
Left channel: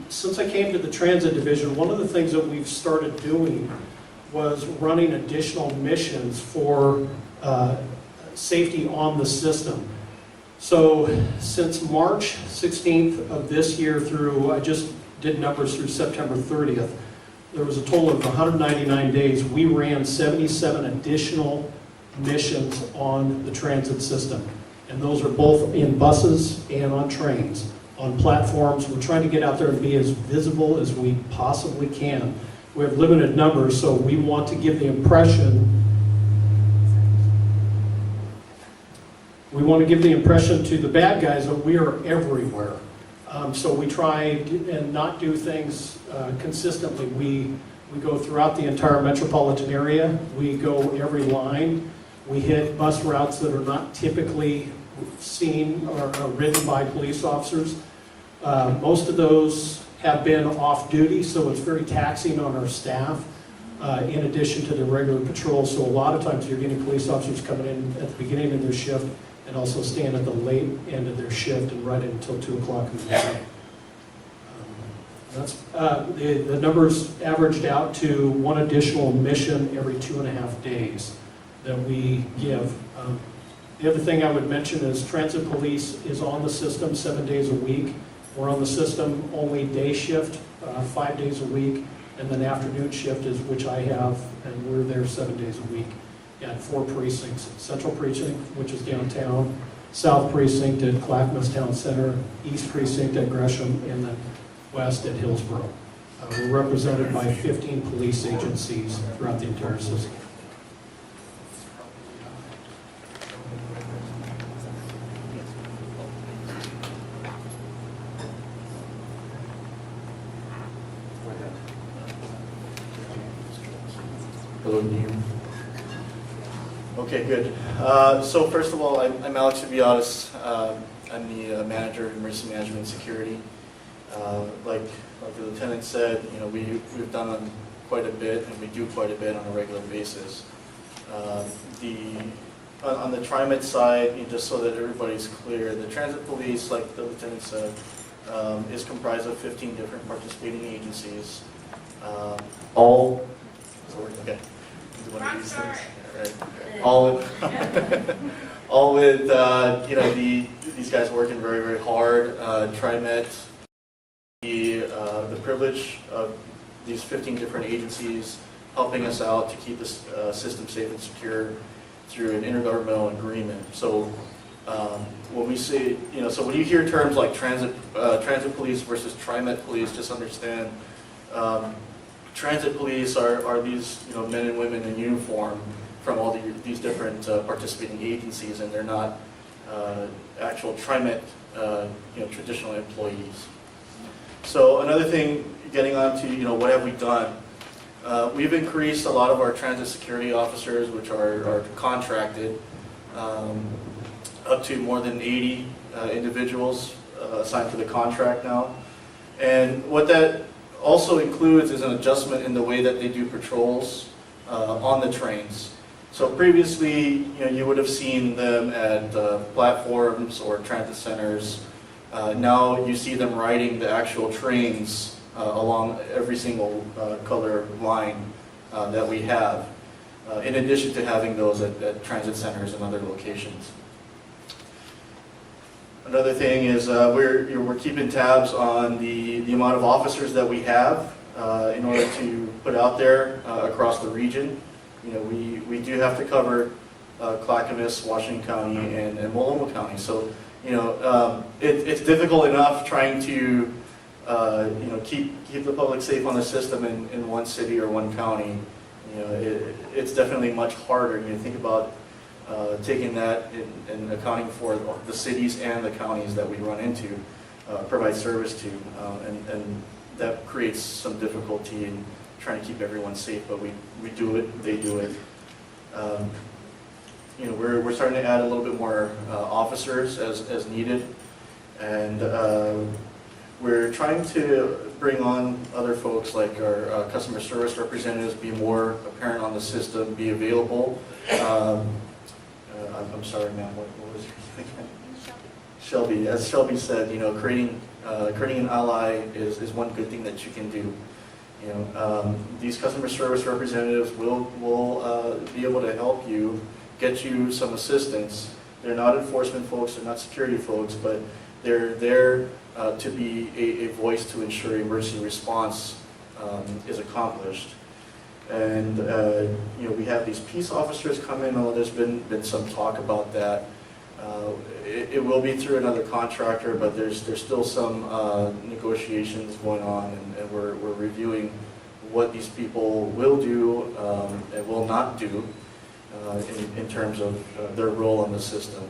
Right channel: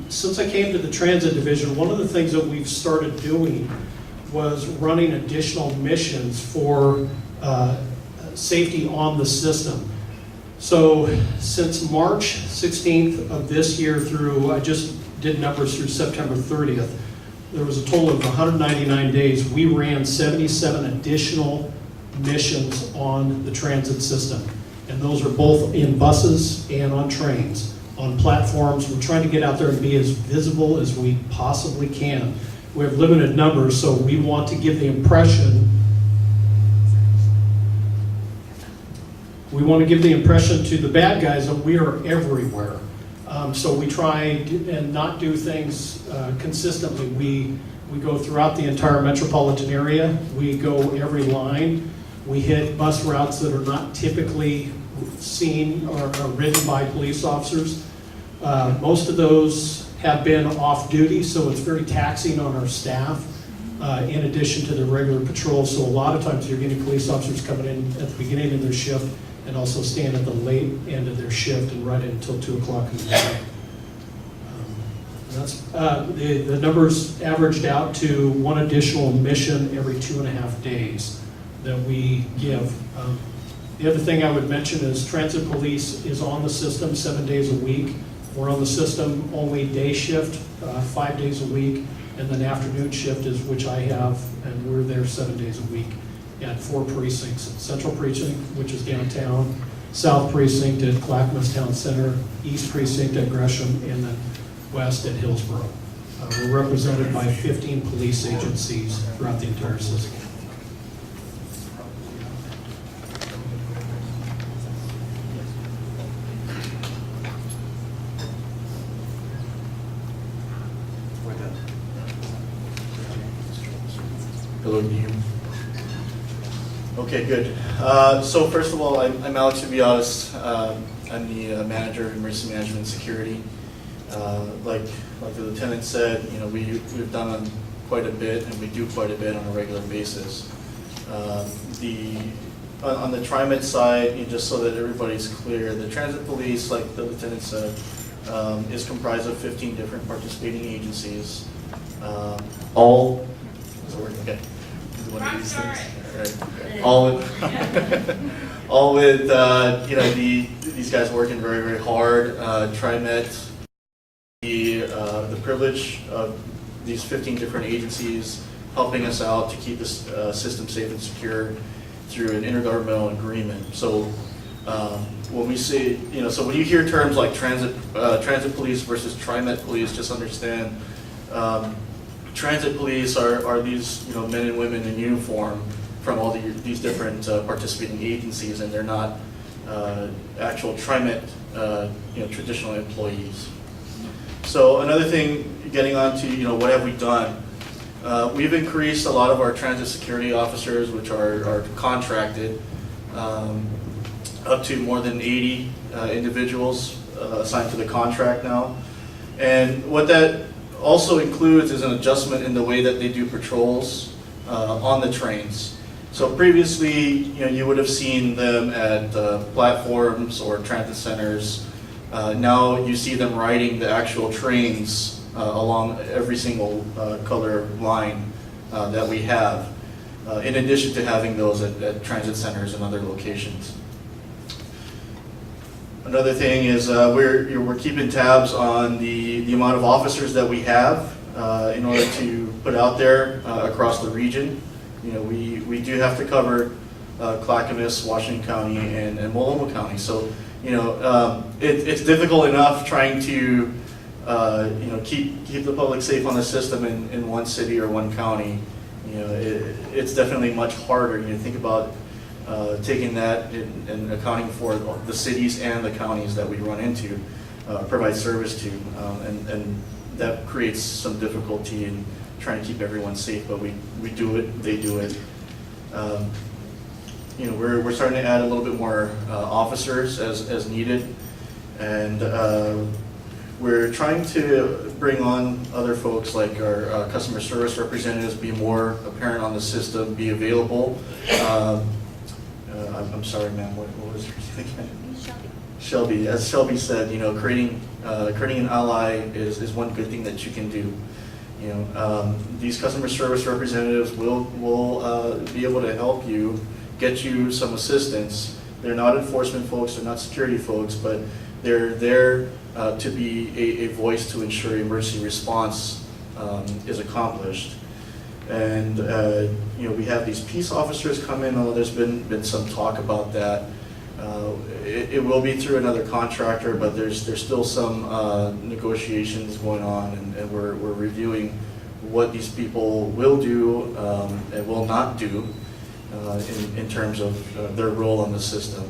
Since I came to the Transit Division, one of the things that we've started doing was running additional missions for safety on the system. So since March 16th of this year through, I just did numbers through September 30th, there was a total of 199 days. We ran 77 additional missions on the transit system. And those are both in buses and on trains, on platforms. We're trying to get out there and be as visible as we possibly can. We have limited numbers, so we want to give the impression to the bad guys that we are everywhere. So we try and not do things consistently. We go throughout the entire metropolitan area. We go every line. We hit bus routes that are not typically seen or ridden by police officers. Most of those have been off duty, so it's very taxing on our staff in addition to their regular patrol. So a lot of times you're getting police officers coming in at the beginning of their shift and also staying at the late end of their shift and right until 2 o'clock in the morning. That's the numbers averaged out to one additional mission every 2.5 days that we give. The other thing I would mention is Transit Police is on the system 7 days a week. We're on the system only day shift 5 days a week, and then afternoon shift is which I have, and we're there 7 days a week at 4 precincts. Central Precinct, which is downtown, South Precinct at Clackamas Town Center, East Precinct at Gresham, and then West at Hillsborough. We're represented by 15 police agencies throughout the entire system. Hello, can you hear me? Okay, good. So first of all, I'm Alex Ubiatis. I'm the manager of emergency management and security. Like the lieutenant said, you know, we've done quite a bit, and we do quite a bit on a regular basis. On the TriMet side, just so that everybody's clear, the transit police, like the lieutenant said, is comprised of 15 different participating agencies. All is it working? Okay. Do one of these things. All right. All with you know, these guys working very, very hard. TriMet, the privilege of these 15 different agencies helping us out to keep this system safe and secure through an intergovernmental agreement. So when we say, you know, so when you hear terms like transit police versus TriMet police, just understand transit police are these, you know, men and women in uniform from all these different participating agencies, and they're not actual TriMet, you know, traditional employees. So another thing, getting on to, you know, what have we done? We've increased a lot of our transit security officers, which are contracted, up to more than 80 individuals assigned to the contract now. And what that also includes is an adjustment in the way that they do patrols on the trains. So previously, you know, you would have seen them at platforms or transit centers. Now you see them riding the actual trains along every single color line that we have, in addition to having those at transit centers and other locations. Another thing is we're keeping tabs on the amount of officers that we have in order to put out there across the region. You know, we do have to cover Clackamas, Washington County, and Multnomah County. So, you know, it's difficult enough trying to you know, keep the public safe on the system in one city or one county. You know, it's definitely much harder. You know, think about taking that and accounting for the cities and the counties that we run into, provide service to, and that creates some difficulty in trying to keep everyone safe. But we do it, they do it. You know, we're starting to add a little bit more officers as needed, and we're trying to bring on other folks like our customer service representatives, be more apparent on the system, be available. I'm sorry, ma'am, what was your thing? Shelby. As Shelby said, you know, creating an ally is one good thing that you can do. You know, these customer service representatives will be able to help you get you some assistance. They're not enforcement folks, they're not security folks, but they're there to be a voice to ensure emergency response is accomplished. And we have these peace officers come in, although there's been some talk about that. It will be through another contractor, but there's still some negotiations going on, and we're reviewing what these people will do and will not do in terms of their role in the system.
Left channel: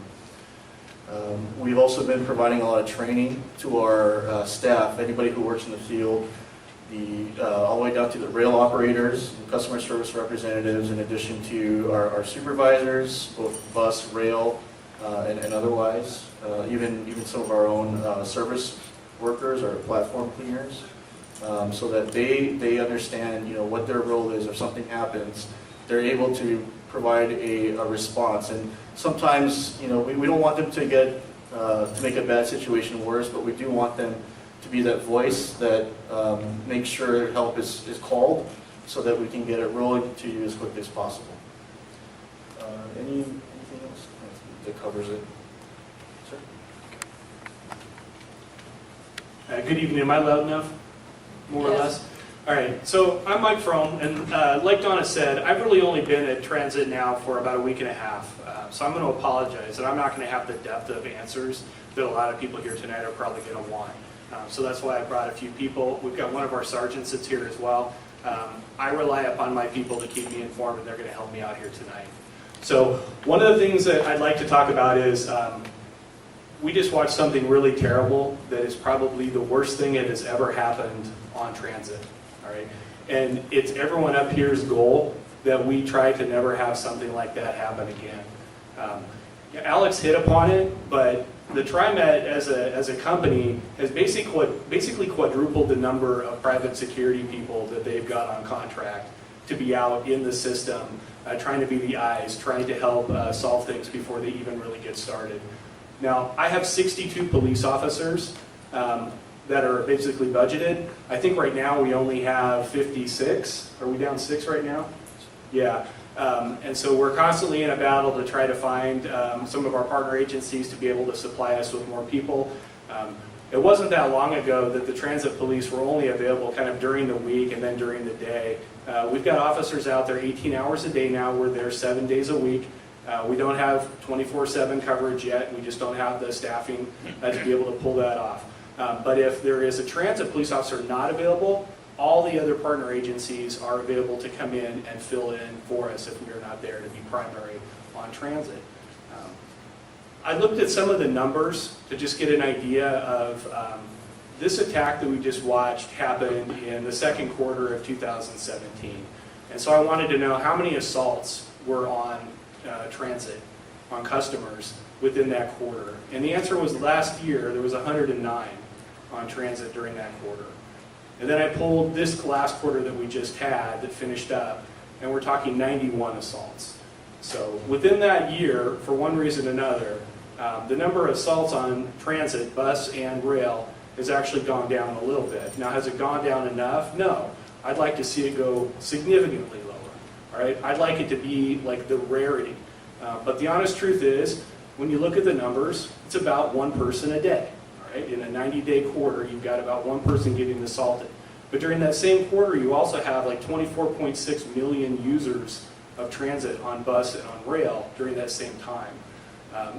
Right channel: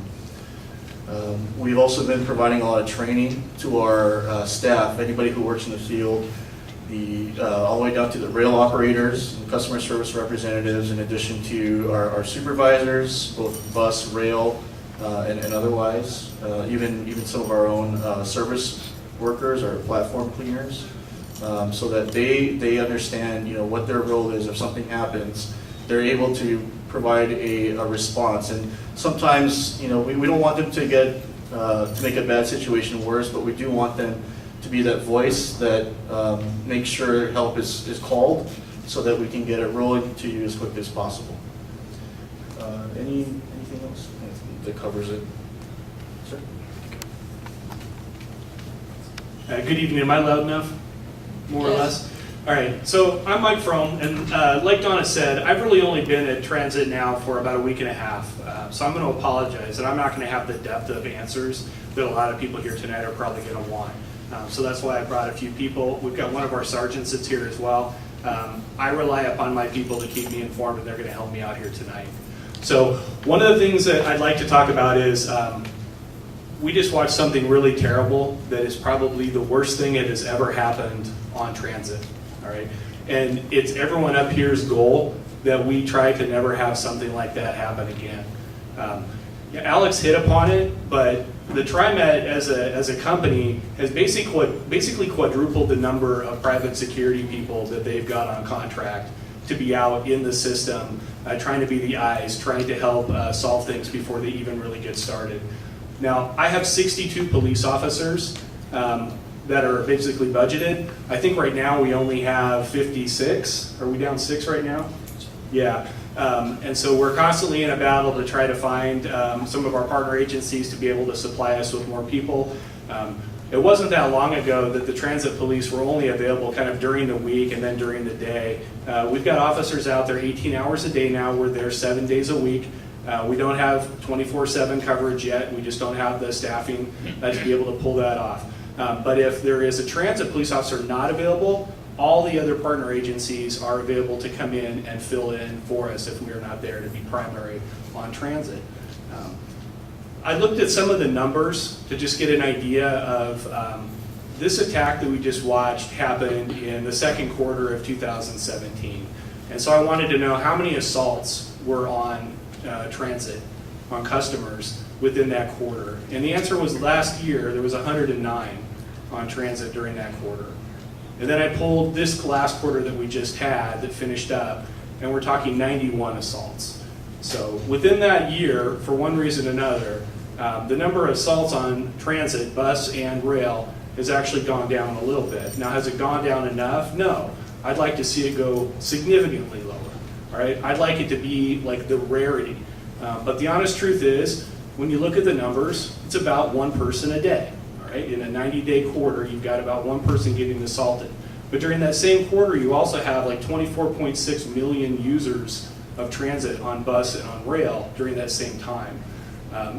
We've also been providing a lot of training to our staff, anybody who works in the field, all the way down to the rail operators, and customer service representatives, in addition to our supervisors, both bus, rail, and otherwise, even some of our own service workers or platform cleaners, so that they understand what their role is. If something happens, they're able to provide a response. And sometimes we don't want them to get to make a bad situation worse, but we do want them to be that voice that makes sure help is called, so that we can get it rolling to you as quickly as possible. Anything else that covers it? Sir? Good evening. Am I loud enough? More or less? All right. So I'm Mike Fromm, and like Donna said, I've really only been at Transit now for about a week and a half. So I'm going to apologize, and I'm not going to have the depth of answers that a lot of people here tonight are probably going to want. So that's why I brought a few people. We've got one of our sergeants that's here as well. I rely upon my people to keep me informed, and they're going to help me out here tonight. So one of the things that I'd like to talk about is we just watched something really terrible that is probably the worst thing that has ever happened on transit. All right, and it's everyone up here's goal that we try to never have something like that happen again. Alex hit upon it, but the TriMet as a company has basically quadrupled the number of private security people that they've got on contract to be out in the system, trying to be the eyes, trying to help solve things before they even really get started. Now, I have 62 police officers that are basically budgeted. I think right now we only have 56. Are we down 6 right now? Yeah. And so we're constantly in a battle to try to find some of our partner agencies to be able to supply us with more people. It wasn't that long ago that the transit police were only available kind of during the week and then during the day. We've got officers out there 18 hours a day now. We're there 7 days a week. We don't have 24/7 coverage yet. We just don't have the staffing to be able to pull that off. But if there is a transit police officer not available, all the other partner agencies are available to come in and fill in for us if we are not there to be primary on transit. I looked at some of the numbers to just get an idea of this attack that we just watched happened in the second quarter of 2017. And so I wanted to know how many assaults were on transit, on customers within that quarter. And the answer was last year there was 109 on transit during that quarter. And then I pulled this last quarter that we just had that finished up, and we're talking 91 assaults. So within that year, for one reason or another, the number of assaults on transit, bus and rail, has actually gone down a little bit. Now, has it gone down enough? No. I'd like to see it go significantly lower. All right? I'd like it to be like the rarity. But the honest truth is, when you look at the numbers, it's about one person a day. All right? In a 90-day quarter, you've got about one person getting assaulted. But during that same quarter, you also have like 24.6 million users of transit on bus and on rail during that same time.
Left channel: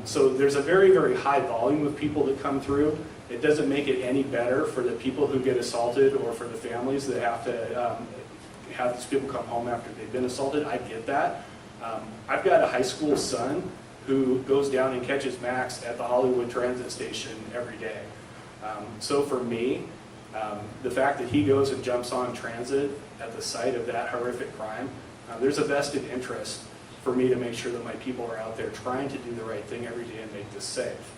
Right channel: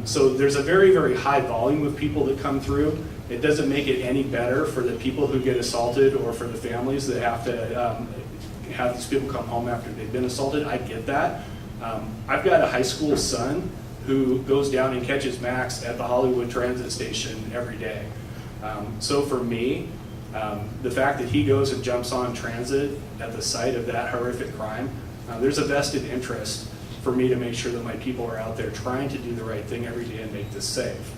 So there's a very, very high volume of people that come through. It doesn't make it any better for the people who get assaulted or for the families that have to have these people come home after they've been assaulted. I get that. I've got a high school son who goes down and catches Max at the Hollywood Transit Station every day. So for me, the fact that he goes and jumps on transit at the site of that horrific crime, there's a vested interest for me to make sure that my people are out there trying to do the right thing every day and make this safe.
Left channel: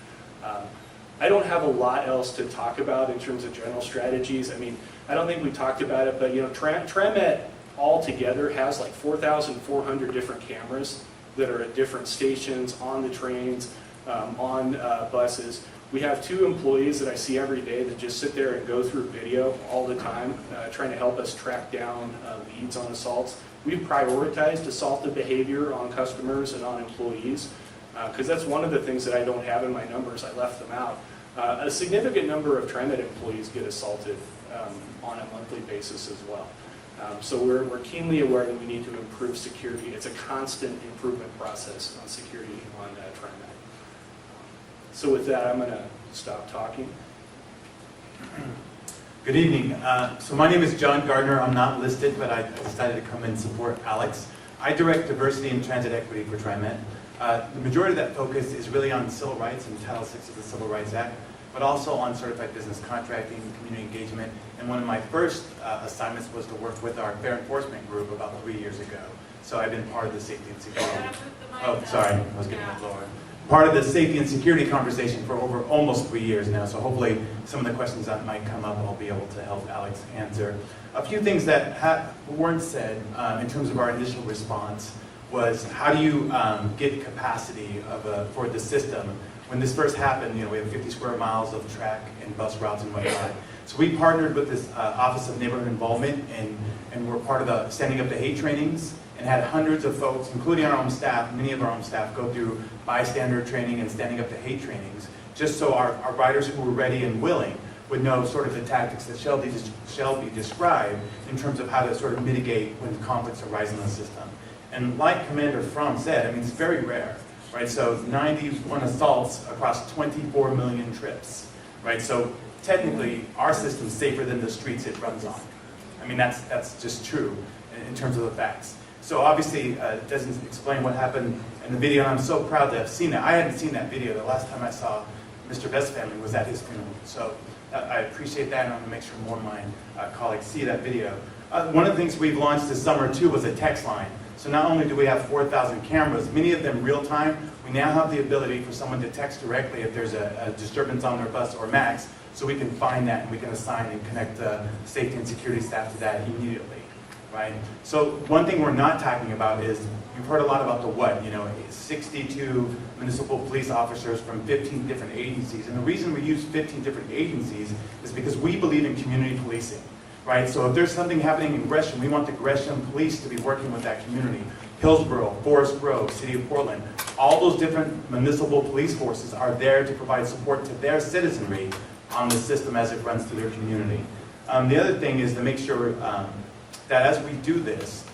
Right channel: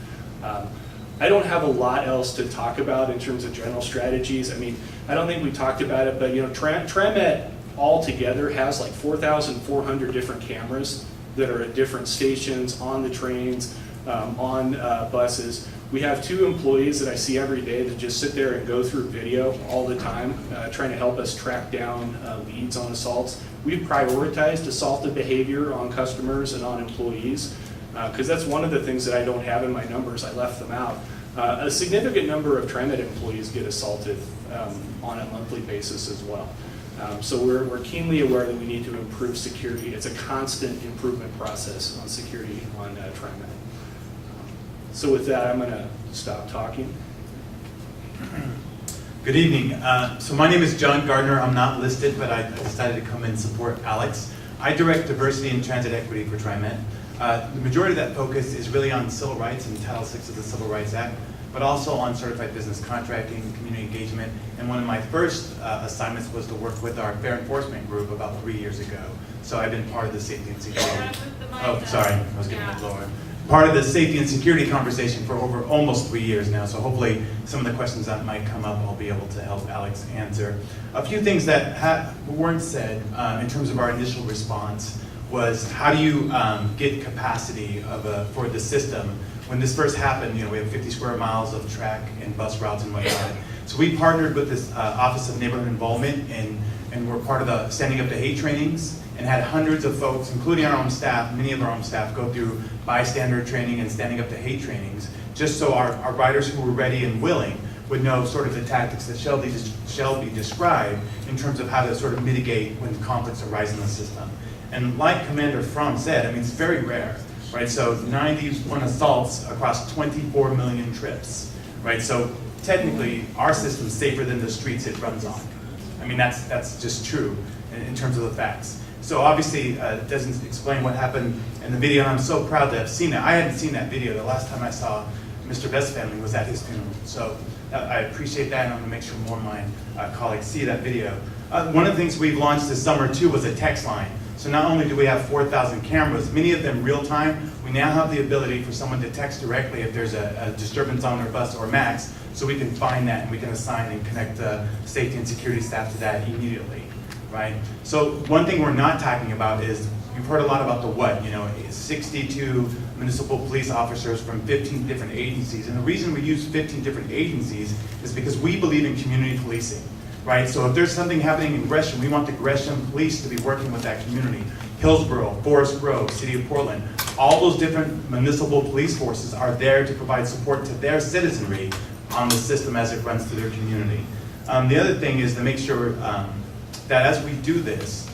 I don't have a lot else to talk about in terms of general strategies. I mean, I don't think we talked about it, but TriMet altogether has like 4,400 different cameras that are at different stations, on the trains, on buses. We have 2 employees that I see every day that just sit there and go through video all the time, trying to help us track down leads on assaults. We've prioritized assaultive behavior on customers and on employees, because that's one of the things that I don't have in my numbers. I left them out. A significant number of TriMet employees get assaulted on a monthly basis as well. So we're keenly aware that we need to improve security. It's a constant improvement process on security on TriMet. So with that, I'm going to stop talking. Good evening. So my name is John Gardner. I'm not listed, but I decided to come and support Alex. I direct diversity and transit equity for TriMet. The majority of that focus is really on civil rights and Title VI of the Civil Rights Act, but also on certified business contracting, community engagement, and one of my first assignments was to work with our fair enforcement group about 3 years ago. So I've been part of the safety and security. Oh, sorry, I was getting a little lower. Part of the safety and security conversation for over almost 3 years now, so hopefully some of the questions that might come up I'll be able to help Alex answer. A few things that weren't said in terms of our initial response was how do you get capacity for the system. When this first happened, we have 50 square miles of track and bus routes and whatnot. So we partnered with this Office of Neighborhood Involvement and we're part of the Standing Up to Hate trainings and had hundreds of folks, including our own staff, many of our own staff, go through bystander training and Standing Up to Hate trainings, just so our riders who were ready and willing would know sort of the tactics that shall be described in terms of how to sort of mitigate when conflicts arise in the system. And like Commander Fromm said, it's very rare, right? So 91 assaults across 24 million trips, right? So technically, our system's safer than the streets it runs on. That's just true in terms of the facts. So obviously, it doesn't explain what happened in the video, and I'm so proud to have seen that. I hadn't seen that video. The last time I saw Mr. Best's family was at his funeral. So I appreciate that, and I'm gonna make sure more of my colleagues see that video. One of the things we've launched this summer too was a text line. So not only do we have 4,000 cameras, many of them real time, we now have the ability for someone to text directly if there's a disturbance on their bus or MAX, so we can find that and we can assign and connect the safety and security staff to that immediately, right? So one thing we're not talking about is, you've heard a lot about the what, 62 municipal police officers from 15 different agencies, and the reason we use 15 different agencies is because we believe in community policing. Right, so if there's something happening in Gresham, we want the Gresham police to be working with that community. Hillsborough, Forest Grove, City of Portland, all those different municipal police forces are there to provide support to their citizenry on the system as it runs through their community. The other thing is to make sure that as we do this,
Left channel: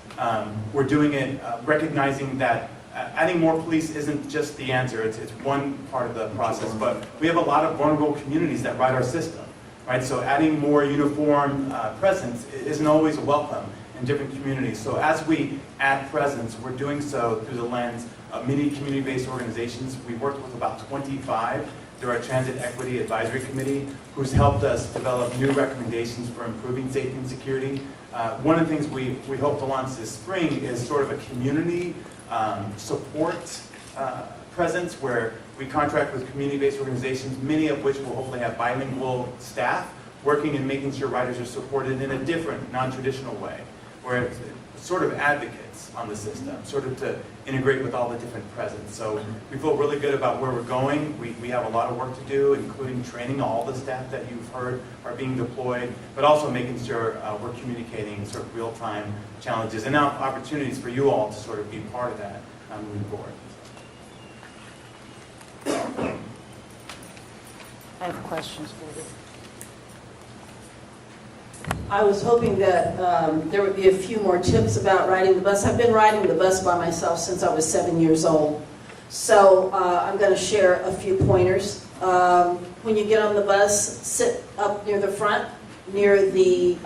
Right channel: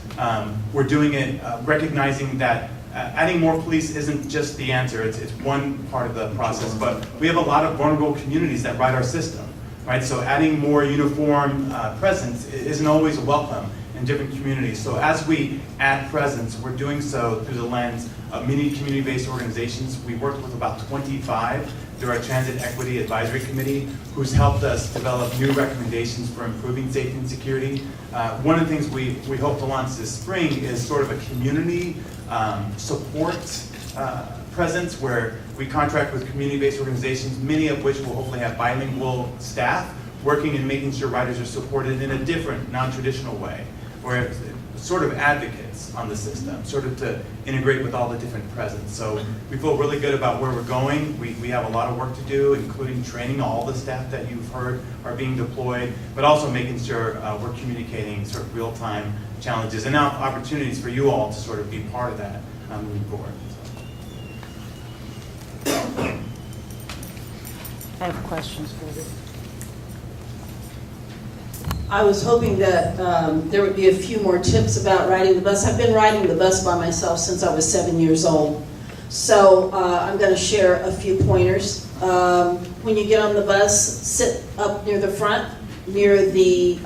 we're doing it recognizing that adding more police isn't just the answer, it's one part of the process, but we have a lot of vulnerable communities that ride our system. Right, so adding more uniform presence isn't always welcome in different communities. So as we add presence, we're doing so through the lens of many community-based organizations. We worked with about 25 through our Transit Equity Advisory Committee, who's helped us develop new recommendations for improving safety and security. One of the things we hope to launch this spring is sort of a community support presence where we contract with community-based organizations, many of which will hopefully have bilingual staff working and making sure riders are supported in a different, non-traditional way, where it's sort of advocates on the system, sort of to integrate with all the different presence. So we feel really good about where we're going. We have a lot of work to do, including training all the staff that you've heard are being deployed, but also making sure we're communicating sort of real-time challenges and now opportunities for you all to sort of be part of that moving forward. I have questions for you. I was hoping that there would be a few more tips about riding the bus. I've been riding the bus by myself since I was 7 years old. So I'm going to share a few pointers. When you get on the bus, sit up near the front, near the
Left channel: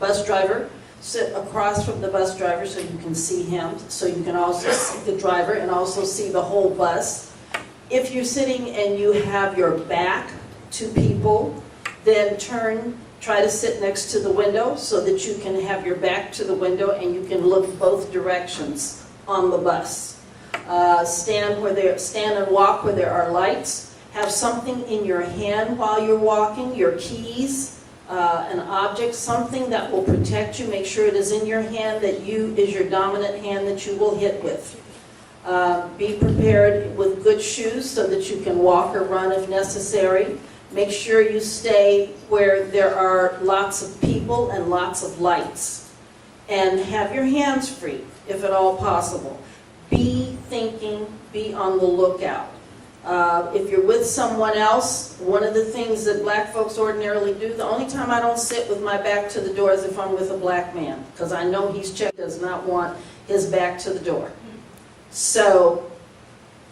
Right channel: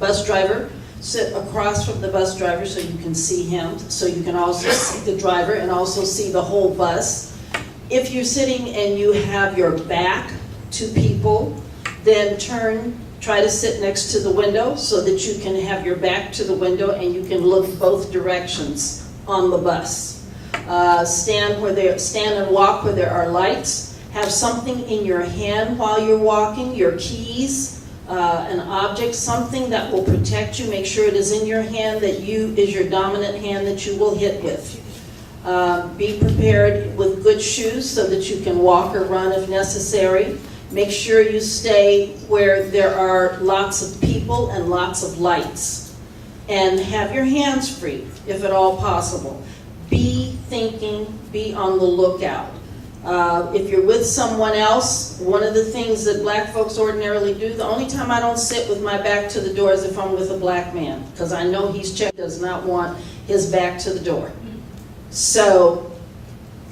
bus driver. Sit across from the bus driver so you can see him, so you can also see the driver and also see the whole bus. If you're sitting and you have your back to people, then try to sit next to the window so that you can have your back to the window and you can look both directions on the bus. Stand and walk where there are lights. Have something in your hand while you're walking, your keys, an object, something that will protect you. Make sure it is in your hand, that is your dominant hand that you will hit with. Be prepared with good shoes so that you can walk or run if necessary. Make sure you stay where there are lots of people and lots of lights. And have your hands free, if at all possible. Be thinking, be on the lookout. If you're with someone else, one of the things that black folks ordinarily do, the only time I don't sit with my back to the door is if I'm with a black man, because I know he's checked, does not want his back to the door. So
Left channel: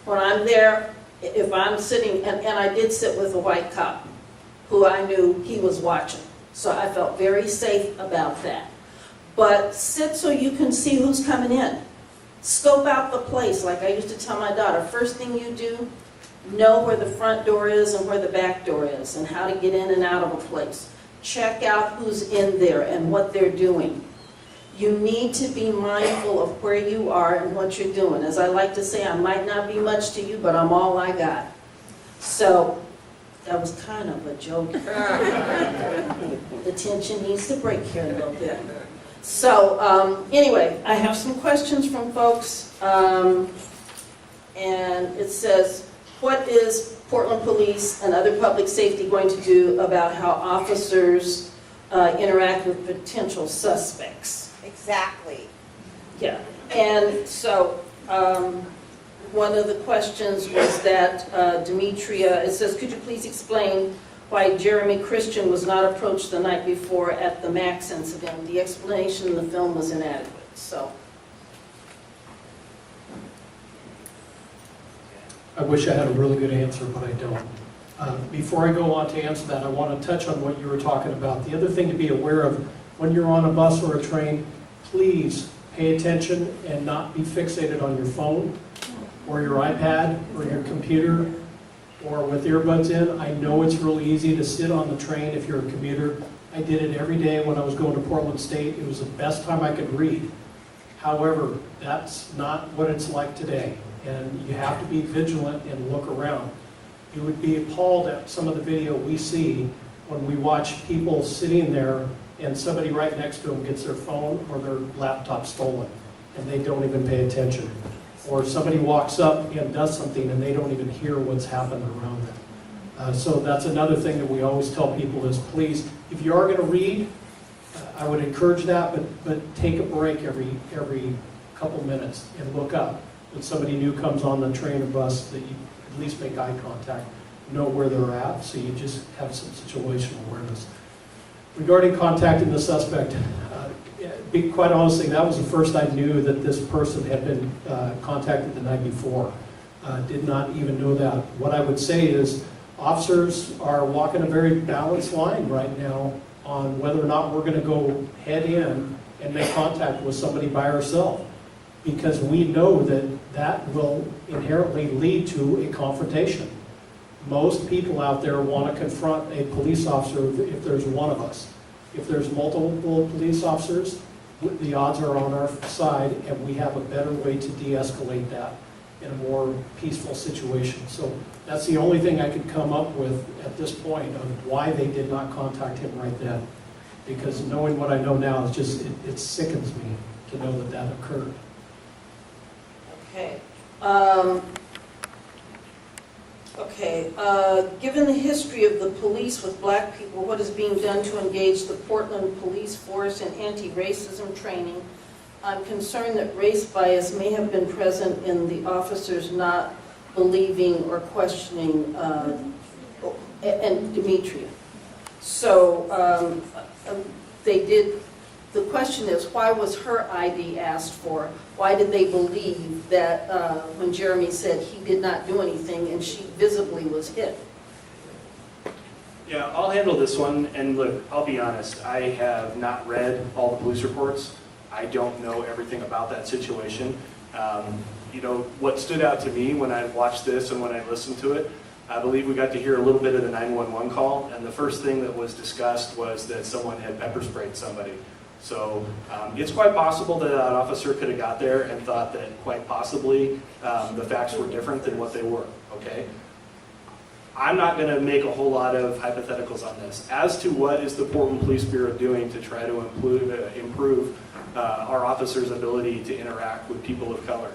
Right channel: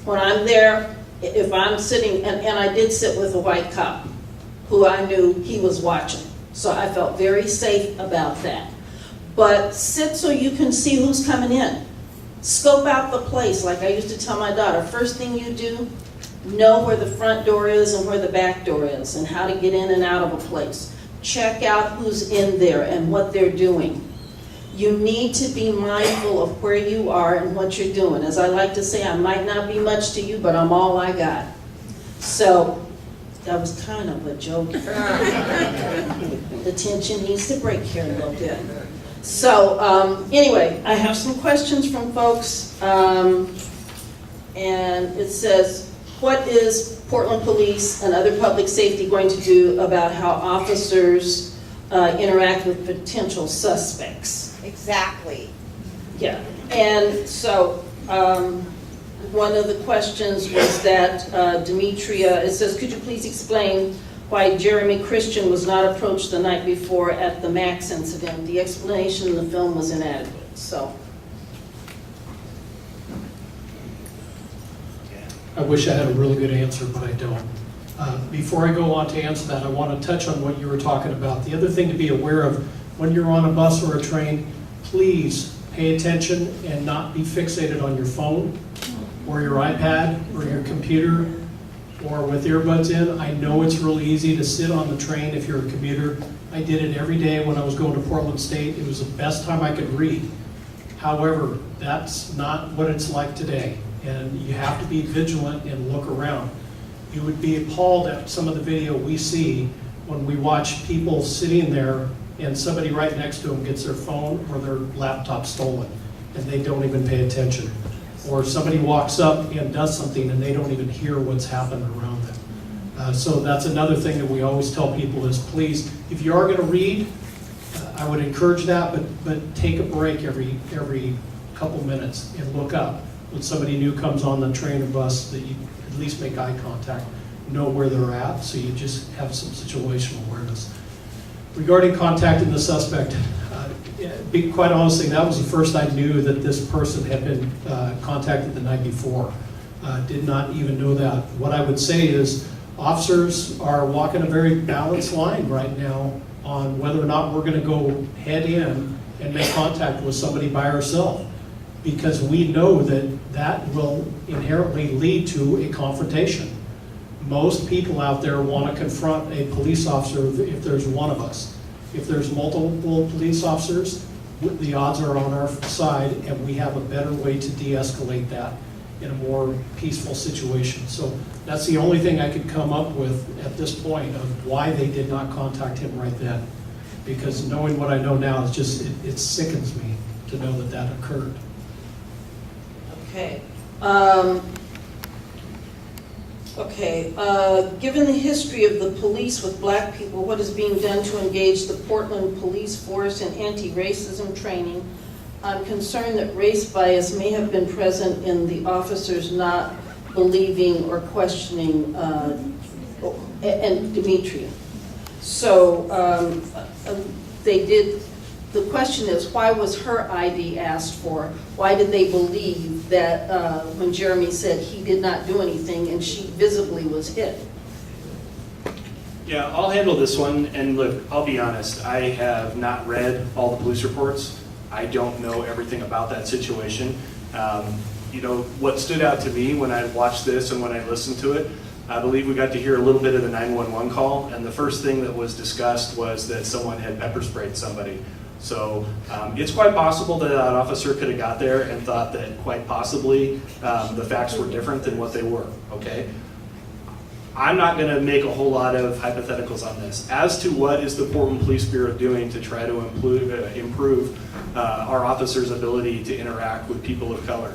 when I'm there, if I'm sitting, and I did sit with a white cop who I knew he was watching, so I felt very safe about that. But sit so you can see who's coming in. Scope out the place, like I used to tell my daughter, first thing you do, know where the front door is and where the back door is and how to get in and out of a place. Check out who's in there and what they're doing. You need to be mindful of where you are and what you're doing. As I like to say, I might not be much to you, but I'm all I got. So that was kind of a joke. The tension needs to break here a little bit. So anyway, I have some questions from folks. And it says, what is Portland Police and other public safety going to do about how officers interact with potential suspects? Exactly. Yeah, and so one of the questions was that Demetria, it says, could you please explain why Jeremy Christian was not approached the night before at the Max incident? The explanation in the film was inadequate, so. I wish I had a really good answer, but I don't. Before I go on to answer that, I want to touch on what you were talking about. The other thing to be aware of, when you're on a bus or a train, please pay attention and not be fixated on your phone or your iPad or your computer or with earbuds in. I know it's really easy to sit on the train if you're a commuter. I did it every day when I was going to Portland State. It was the best time I could read. However, that's not what it's like today, and you have to be vigilant and look around. You would be appalled at some of the video we see when we watch people sitting there and somebody right next to them gets their phone or their laptop stolen and they don't even pay attention. Or somebody walks up and does something and they don't even hear what's happened around them. So that's another thing that we always tell people is, please, if you are going to read, I would encourage that, but take a break every couple minutes and look up. When somebody new comes on the train or bus, that you at least make eye contact, know where they're at, so you just have some situational awareness. Regarding contacting the suspect, be quite honestly, that was the first I knew that this person had been contacted the night before. Did not even know that. What I would say is officers are walking a very balanced line right now on whether or not we're going to go head in and make contact with somebody by ourselves, because we know that that will inherently lead to a confrontation. Most people out there want to confront a police officer if there's one of us. If there's multiple police officers, the odds are on our side, and we have a better way to de-escalate that in a more peaceful situation. So that's the only thing I could come up with at this point of why they did not contact him right then. Because knowing what I know now, it's just, it sickens me to know that that occurred. Okay. Given the history of the police with black people, what is being done to engage the Portland police force in anti-racism training? I'm concerned that race bias may have been present in the officers not believing or questioning, and Demetria. So they did. The question is, why was her ID asked for? Why did they believe that when Jeremy said he did not do anything and she visibly was hit? Yeah, I'll handle this one. And look, I'll be honest, I have not read all the police reports. I don't know everything about that situation. You know, what stood out to me when I watched this and when I listened to it, I believe we got to hear a little bit of the 911 call, and the first thing that was discussed was that someone had pepper sprayed somebody. So it's quite possible that that officer could have got there and thought that quite possibly the facts were different than what they were, okay? I'm not going to make a whole lot of hypotheticals on this. As to what is the Portland Police Bureau doing to try to improve our officers' ability to interact with people of color,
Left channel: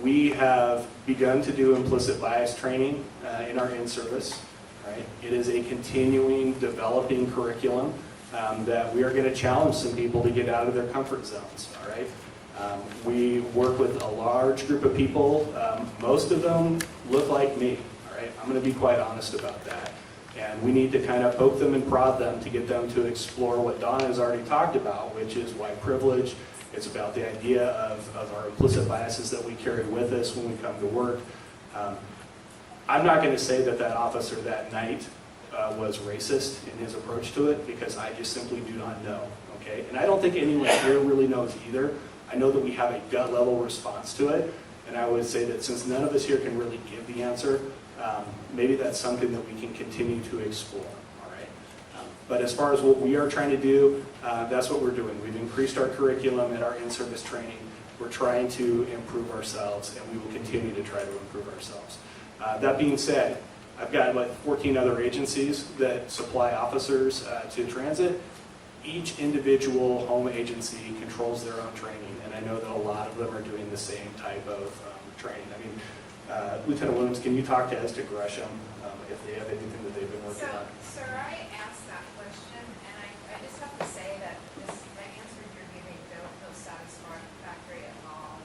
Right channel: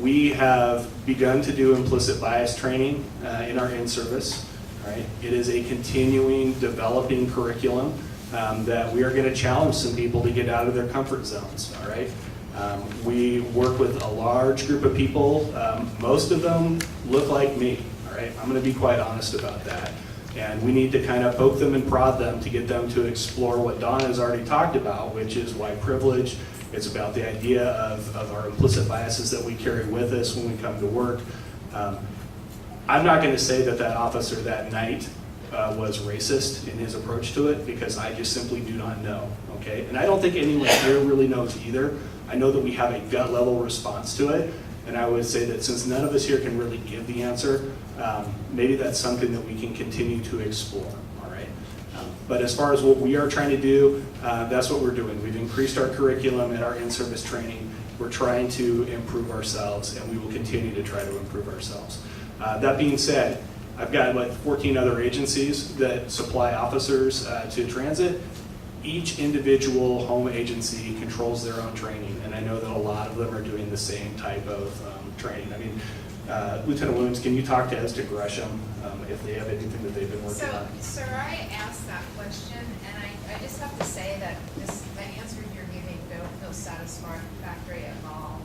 We have begun to do implicit bias training in our in-service. Right? It is a continuing, developing curriculum that we are going to challenge some people to get out of their comfort zones. All right? We work with a large group of people. Most of them look like me. All right? I'm going to be quite honest about that. And we need to kind of poke them and prod them to get them to explore what Donna has already talked about, which is white privilege. It's about the idea of our implicit biases that we carry with us when we come to work. I'm not going to say that that officer that night was racist in his approach to it, because I just simply do not know, okay? And I don't think anyone here really knows either. I know that we have a gut level response to it, and I would say that since none of us here can really give the answer, maybe that's something that we can continue to explore, all right? But as far as what we are trying to do, that's what we're doing. We've increased our curriculum and our in-service training. We're trying to improve ourselves, and we will continue to try to improve ourselves. That being said, I've got like 14 other agencies that supply officers to transit. Each individual home agency controls their own training, and I know that a lot of them are doing the same type of training. I mean, Lieutenant Williams, can you talk to Gresham if they have anything that they've been working on? Sir, I asked that question, and I just have to say that the answers you're giving don't feel satisfactory at all.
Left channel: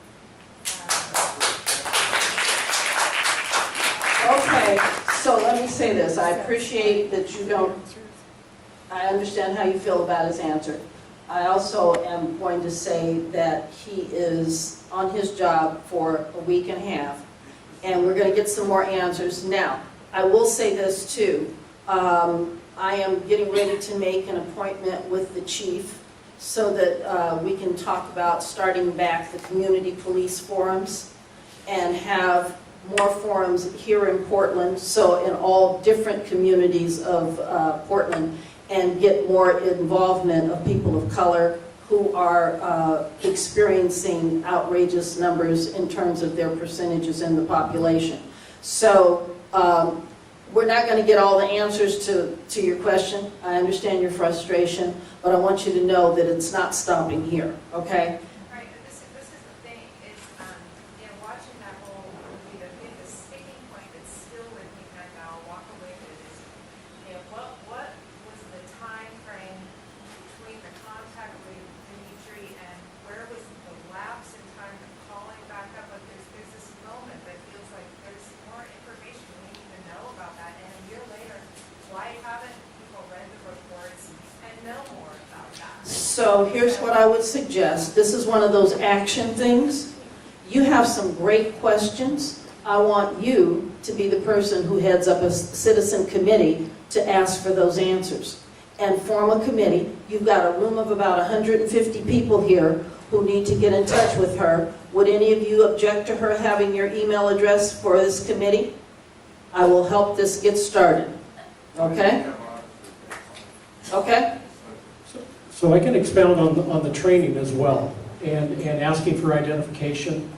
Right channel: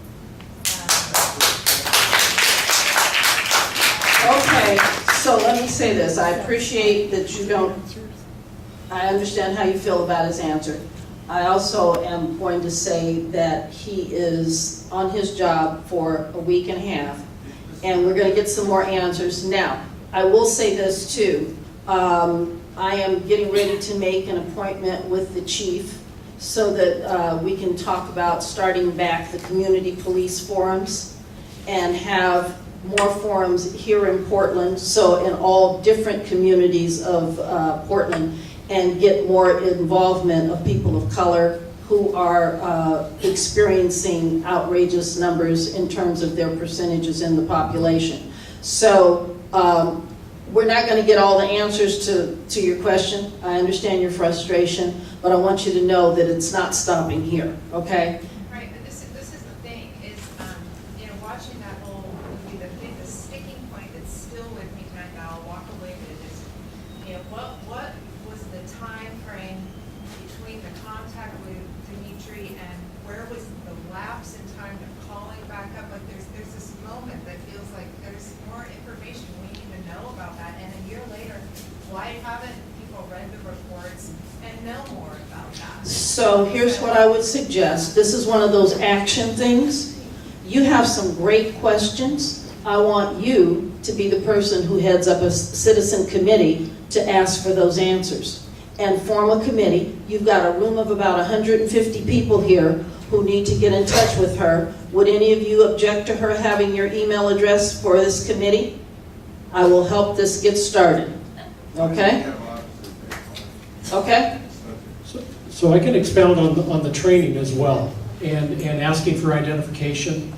Okay, so let me say this. I appreciate that you don't, I understand how you feel about his answer. I also am going to say that he is on his job for a week and a half, and we're going to get some more answers. Now, I will say this too. I am getting ready to make an appointment with the chief so that we can talk about starting back the community police forums and have more forums here in Portland, so in all different communities of Portland, and get more involvement of people of color who are experiencing outrageous numbers in terms of their percentages in the population. So we're not going to get all the answers to your question. I understand your frustration, but I want you to know that it's not stopping here, okay? Right, but this is the thing, is, watching that whole movie, the sticking point that's still with me, and I'll walk away with it, is, what was the time frame between the contact with Dimitri and where was the lapse in time of calling back up? Like there's this moment that feels like there's more information we need to know about that, and a year later, why haven't people read the reports and know more about that? So here's what I would suggest. This is one of those action things. You have some great questions. I want you to be the person who heads up a citizen committee to ask for those answers. And form a committee. You've got a room of about 150 people here who need to get in touch with her. Would any of you object to her having your email address for this committee? I will help this get started. Okay? Okay? So I can expound on the training as well, and asking for identification.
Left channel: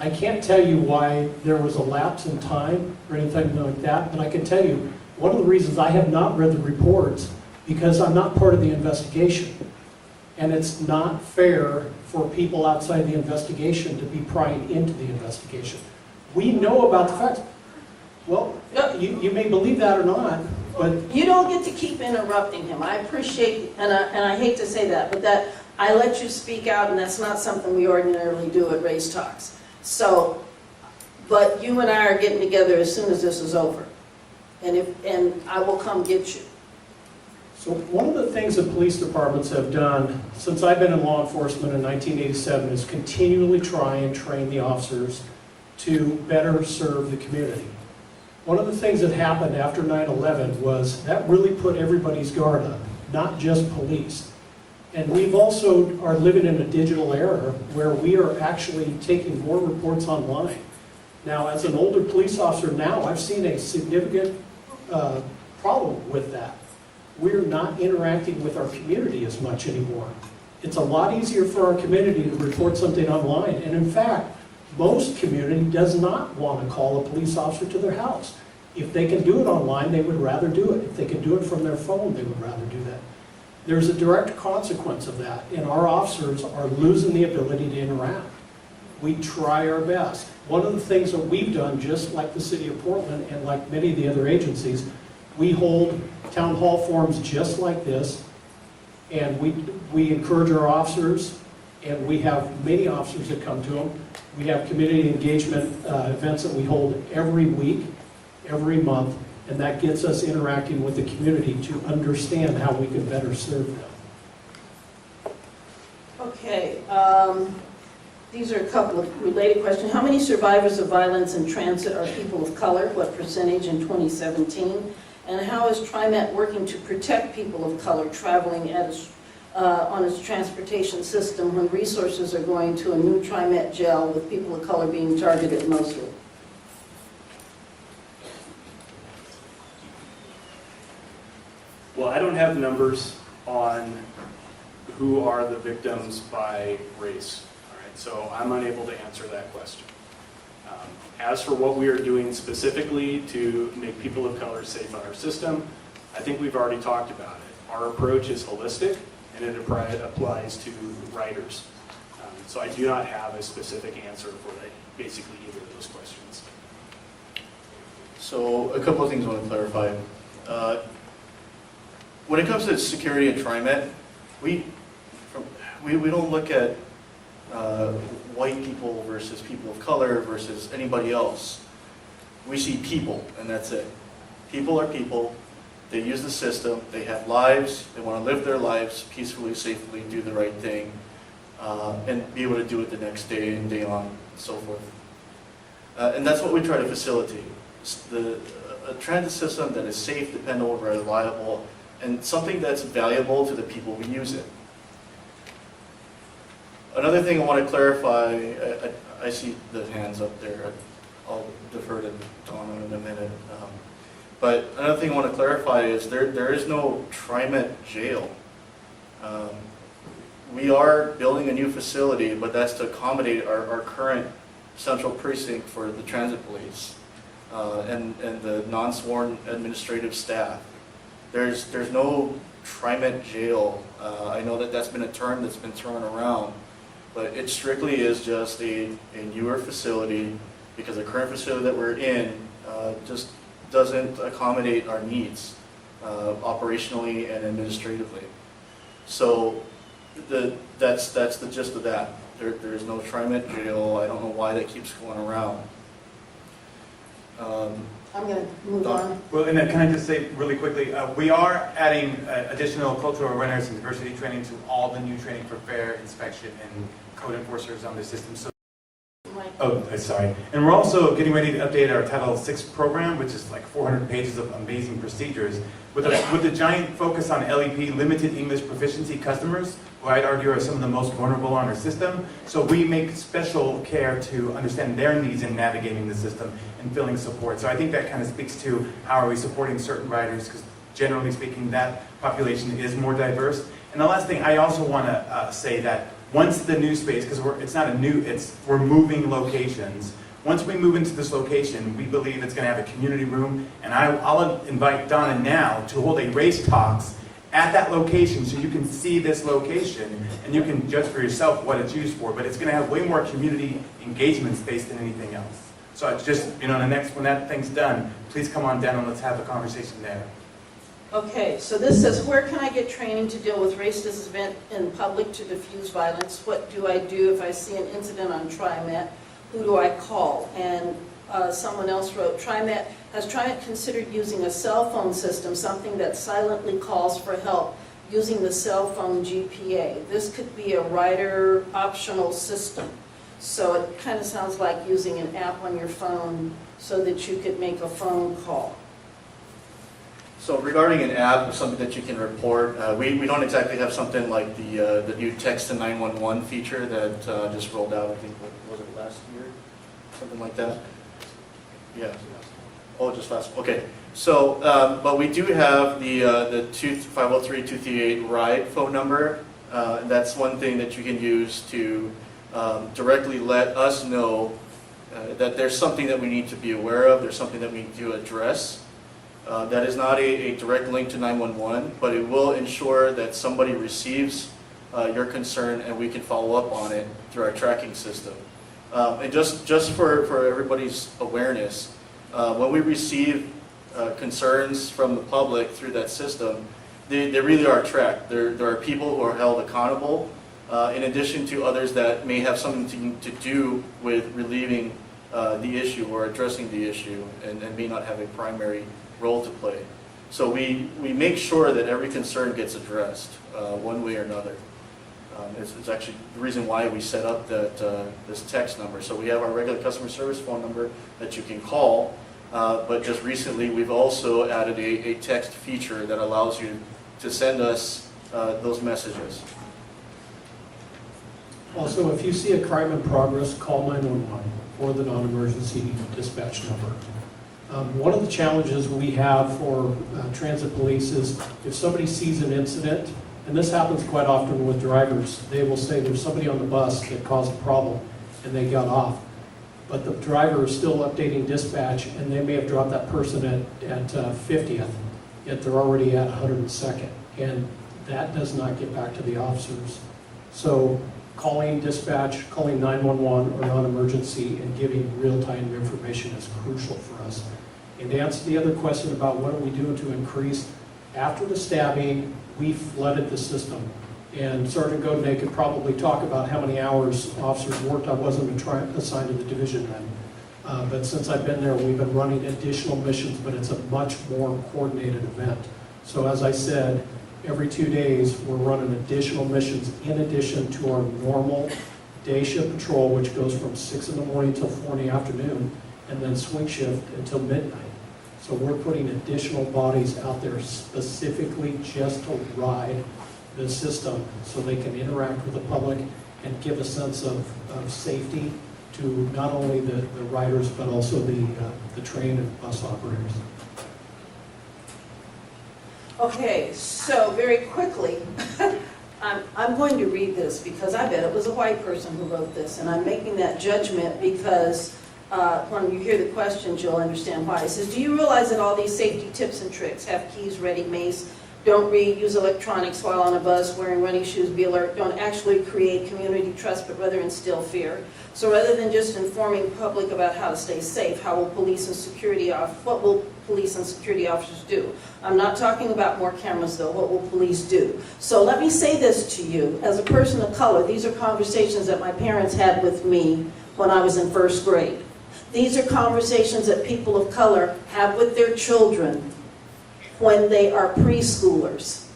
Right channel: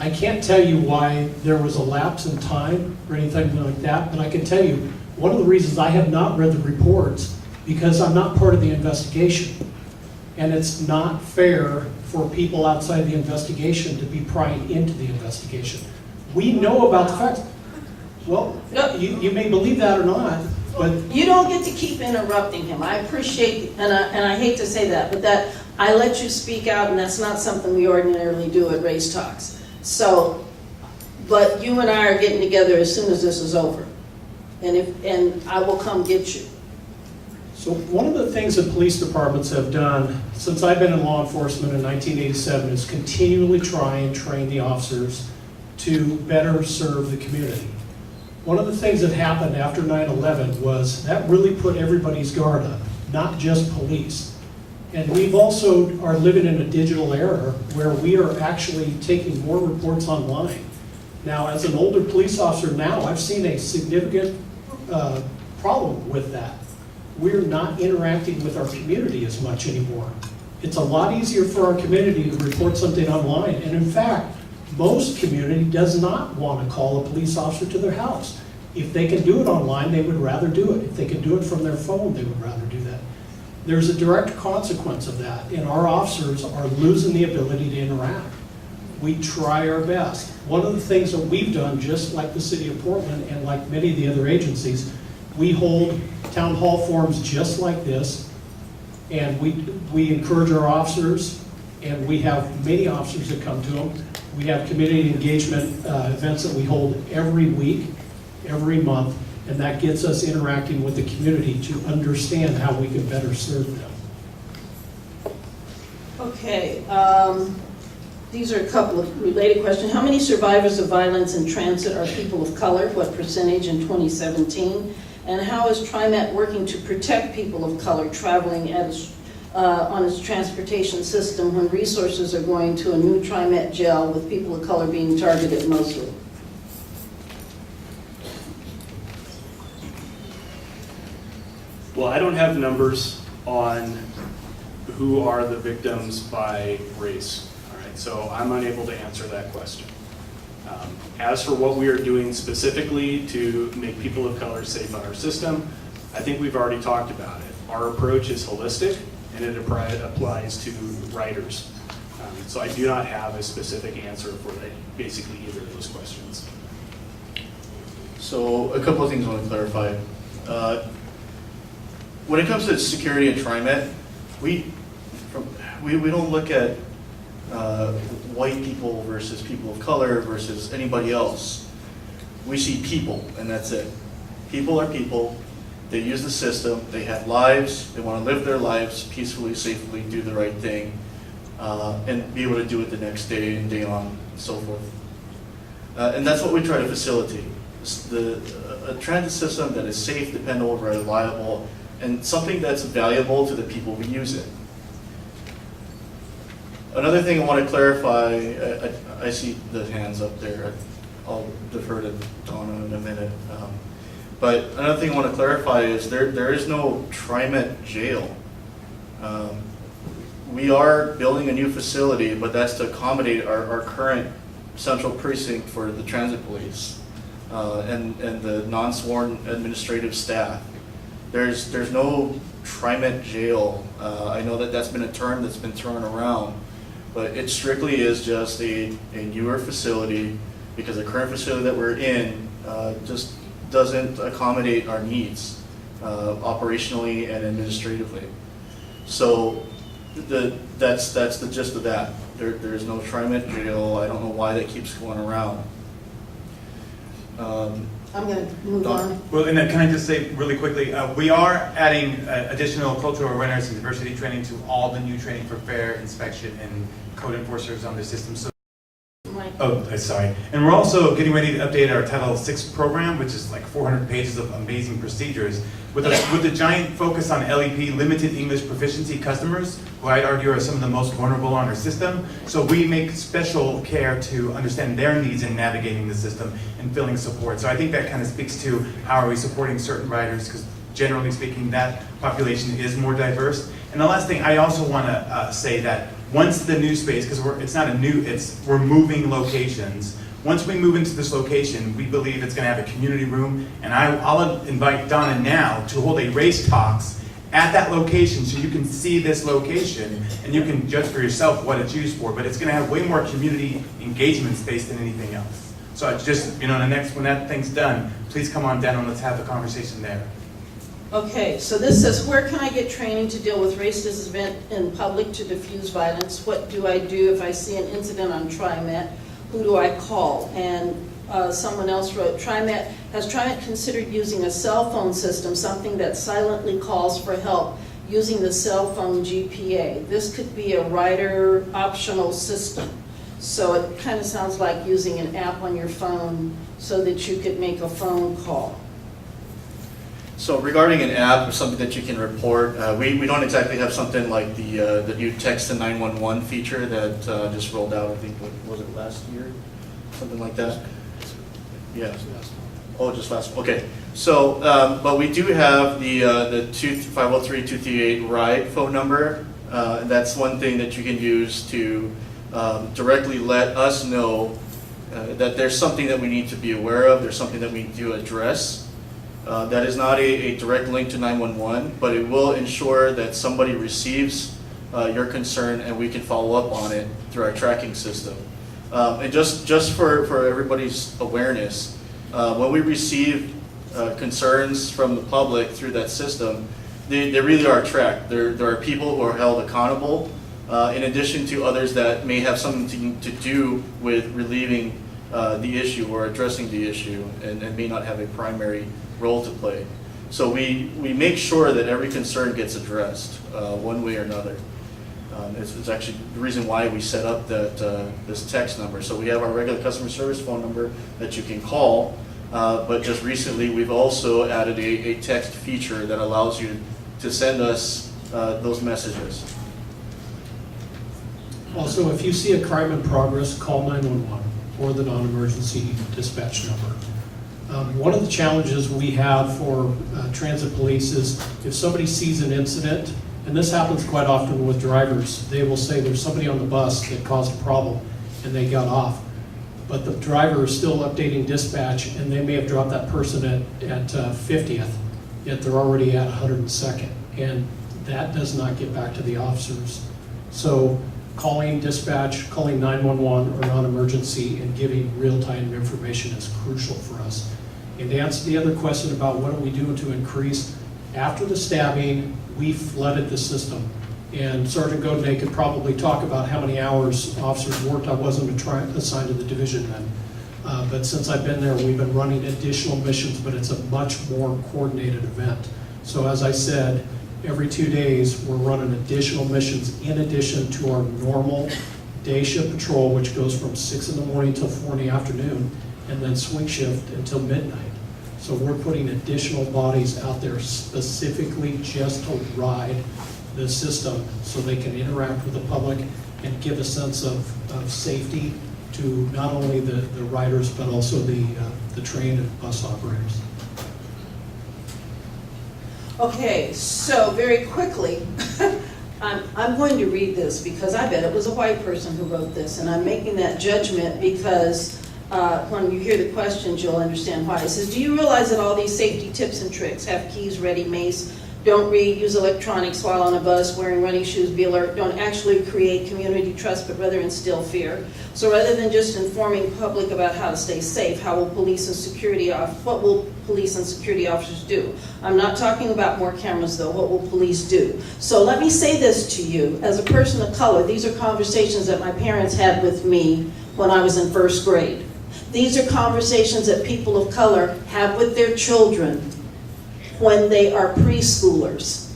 I can't tell you why there was a lapse in time or anything like that, but I can tell you one of the reasons I have not read the reports, because I'm not part of the investigation. And it's not fair for people outside the investigation to be prying into the investigation. We know about the facts. Well, you may believe that or not, but You don't get to keep interrupting him. I appreciate, and I hate to say that, but that I let you speak out, and that's not something we ordinarily do at Race Talks. So, but you and I are getting together as soon as this is over, and I will come get you. So one of the things that police departments have done since I've been in law enforcement in 1987 is continually try and train the officers to better serve the community. One of the things that happened after 9/11 was that really put everybody's guard up, not just police. And we've also are living in a digital era where we are actually taking more reports online. Now, as an older police officer now, I've seen a significant problem with that. We're not interacting with our community as much anymore. It's a lot easier for our community to report something online. And in fact, most community does not want to call a police officer to their house. If they can do it online, they would rather do it. If they can do it from their phone, they would rather do that. There's a direct consequence of that, and our officers are losing the ability to interact. We try our best. One of the things that we've done, just like the city of Portland and like many of the other agencies, we hold town hall forums just like this, and we encourage our officers, and we have many officers that come to them. We have community engagement events that we hold every week, every month, and that gets us interacting with the community to understand how we can better serve them. Okay, these are a couple of related questions. How many survivors of violence in transit are people of color? What percentage in 2017? And how is TriMet working to protect people of color traveling on its transportation system when resources are going to a new TriMet jail with people of color being targeted mostly? Well, I don't have numbers on who are the victims by race. All right, so I'm unable to answer that question. As for what we are doing specifically to make people of color safe on our system, I think we've already talked about it. Our approach is holistic, and it applies to riders. So I do not have a specific answer for basically either of those questions. So a couple of things I want to clarify. When it comes to security at TriMet, we don't look at white people versus people of color versus anybody else. We see people, and that's it. People are people. They use the system. They have lives. They want to live their lives peacefully, safely, do the right thing, and be able to do it the next day and day on, and so forth. And that's what we try to facilitate. A transit system that is safe, dependable, reliable, and something that's valuable to the people who use it. Another thing I want to clarify, I see the hands up there. I'll defer to Donna in a minute. But another thing I want to clarify is there is no TriMet jail. We are building a new facility, but that's to accommodate our current central precinct for the transit police and the non-sworn administrative staff. There's no TriMet jail. I know that's been a term that's been thrown around, but it strictly is just a newer facility because the current facility that we're in just doesn't accommodate our needs operationally and administratively. So that's the gist of that. There's no TriMet jail. I don't know why that keeps going around. I'm going to move on. Well, and then can I just say really quickly, we are adding additional cultural awareness and diversity training to all the new training for fare inspection and code enforcers on the system. So, sorry. And we're also getting ready to update our Title VI program, which is like 400 pages of amazing procedures, with a giant focus on LEP, limited English proficiency customers, who I'd argue are some of the most vulnerable on our system. So we make special care to understand their needs in navigating the system and filling support. So I think that kind of speaks to how are we supporting certain riders, because generally speaking, that population is more diverse. And the last thing, I also want to say that once the new space, because we're moving locations. Once we move into this location, we believe it's going to have a community room, and I'll invite Donna now to hold a race talks at that location so you can see this location and you can judge for yourself what it's used for, but it's going to have way more community engagement space than anything else. So it's just, when that thing's done, please come on down and let's have a conversation there. Okay, so this says, where can I get training to deal with racist event in public to diffuse violence? What do I do if I see an incident on TriMet? Who do I call? And someone else wrote, has TriMet considered using a cell phone system, something that silently calls for help using the cell phone GPA? This could be a rider optional system. So it kind of sounds like using an app on your phone so that you could make a phone call. So regarding an app, something that you can report, we don't exactly have something like the new text to 911 feature that just rolled out, I think, what was it, last year? Something like that? Yeah. Oh, just last, okay. So, but we do have the 503-238 RIDE phone number. That's one thing that you can use to directly let us know that there's something that we need to be aware of, there's something that we need to address. That is not a direct link to 911, but it will ensure that somebody receives your concern and we can follow up on it through our tracking system. And just for everybody's awareness, when we receive concerns from the public through that system, they really are tracked. There are people who are held accountable, in addition to others that may have something to do with relieving the issue or addressing the issue and may not have a primary role to play. So we make sure that every concern gets addressed one way or another. It's actually the reason why we set up this text number. So we have our regular customer service phone number that you can call, but just recently we've also added a text feature that allows you to send us those messages. Also, if you see a crime in progress, call 911 or the non-emergency dispatch number. One of the challenges we have for transit police is if somebody sees an incident, and this happens quite often with drivers, they will say there's somebody on the bus that caused a problem and they got off. But the driver is still updating dispatch and they may have dropped that person at 50th, yet they're already at 102nd. And that does not get back to the officers. So calling dispatch, calling 911 or non-emergency and giving real-time information is crucial for us. And to answer the other question about what are we doing to increase, after the stabbing, we flooded the system. And Sergeant Godinay could probably talk about how many hours officers worked. I wasn't assigned to the division then. But since I've been there, we've been running additional missions, but it's a much more coordinated event. So as I said, every 2 days, we're running additional missions in addition to our normal day shift patrol, which goes from 6 in the morning till 4 in the afternoon, and then swing shift until midnight. So we're putting additional bodies out there specifically just to ride the system so they can interact with the public and give a sense of safety to not only the riders, but also the train and bus operators. Okay, so very quickly, I'm going to read this because I bet it was a white person who wrote this, and I'm making that judgment because when you hear the questions, you'll understand why. It says, do you realize that all these safety tips and tricks, have keys ready, mace, don't read, use electronics while on a bus, wearing running shoes, be alert, don't actually create community trust, but rather instill fear? So rather than just informing public about how to stay safe, what will police and security officers do? I'm not talking about more cameras though, what will police do? So let me say this to you, as a person of color, these are conversations that my parents had with me when I was in first grade. These are conversations that people of color have with their children when they are preschoolers.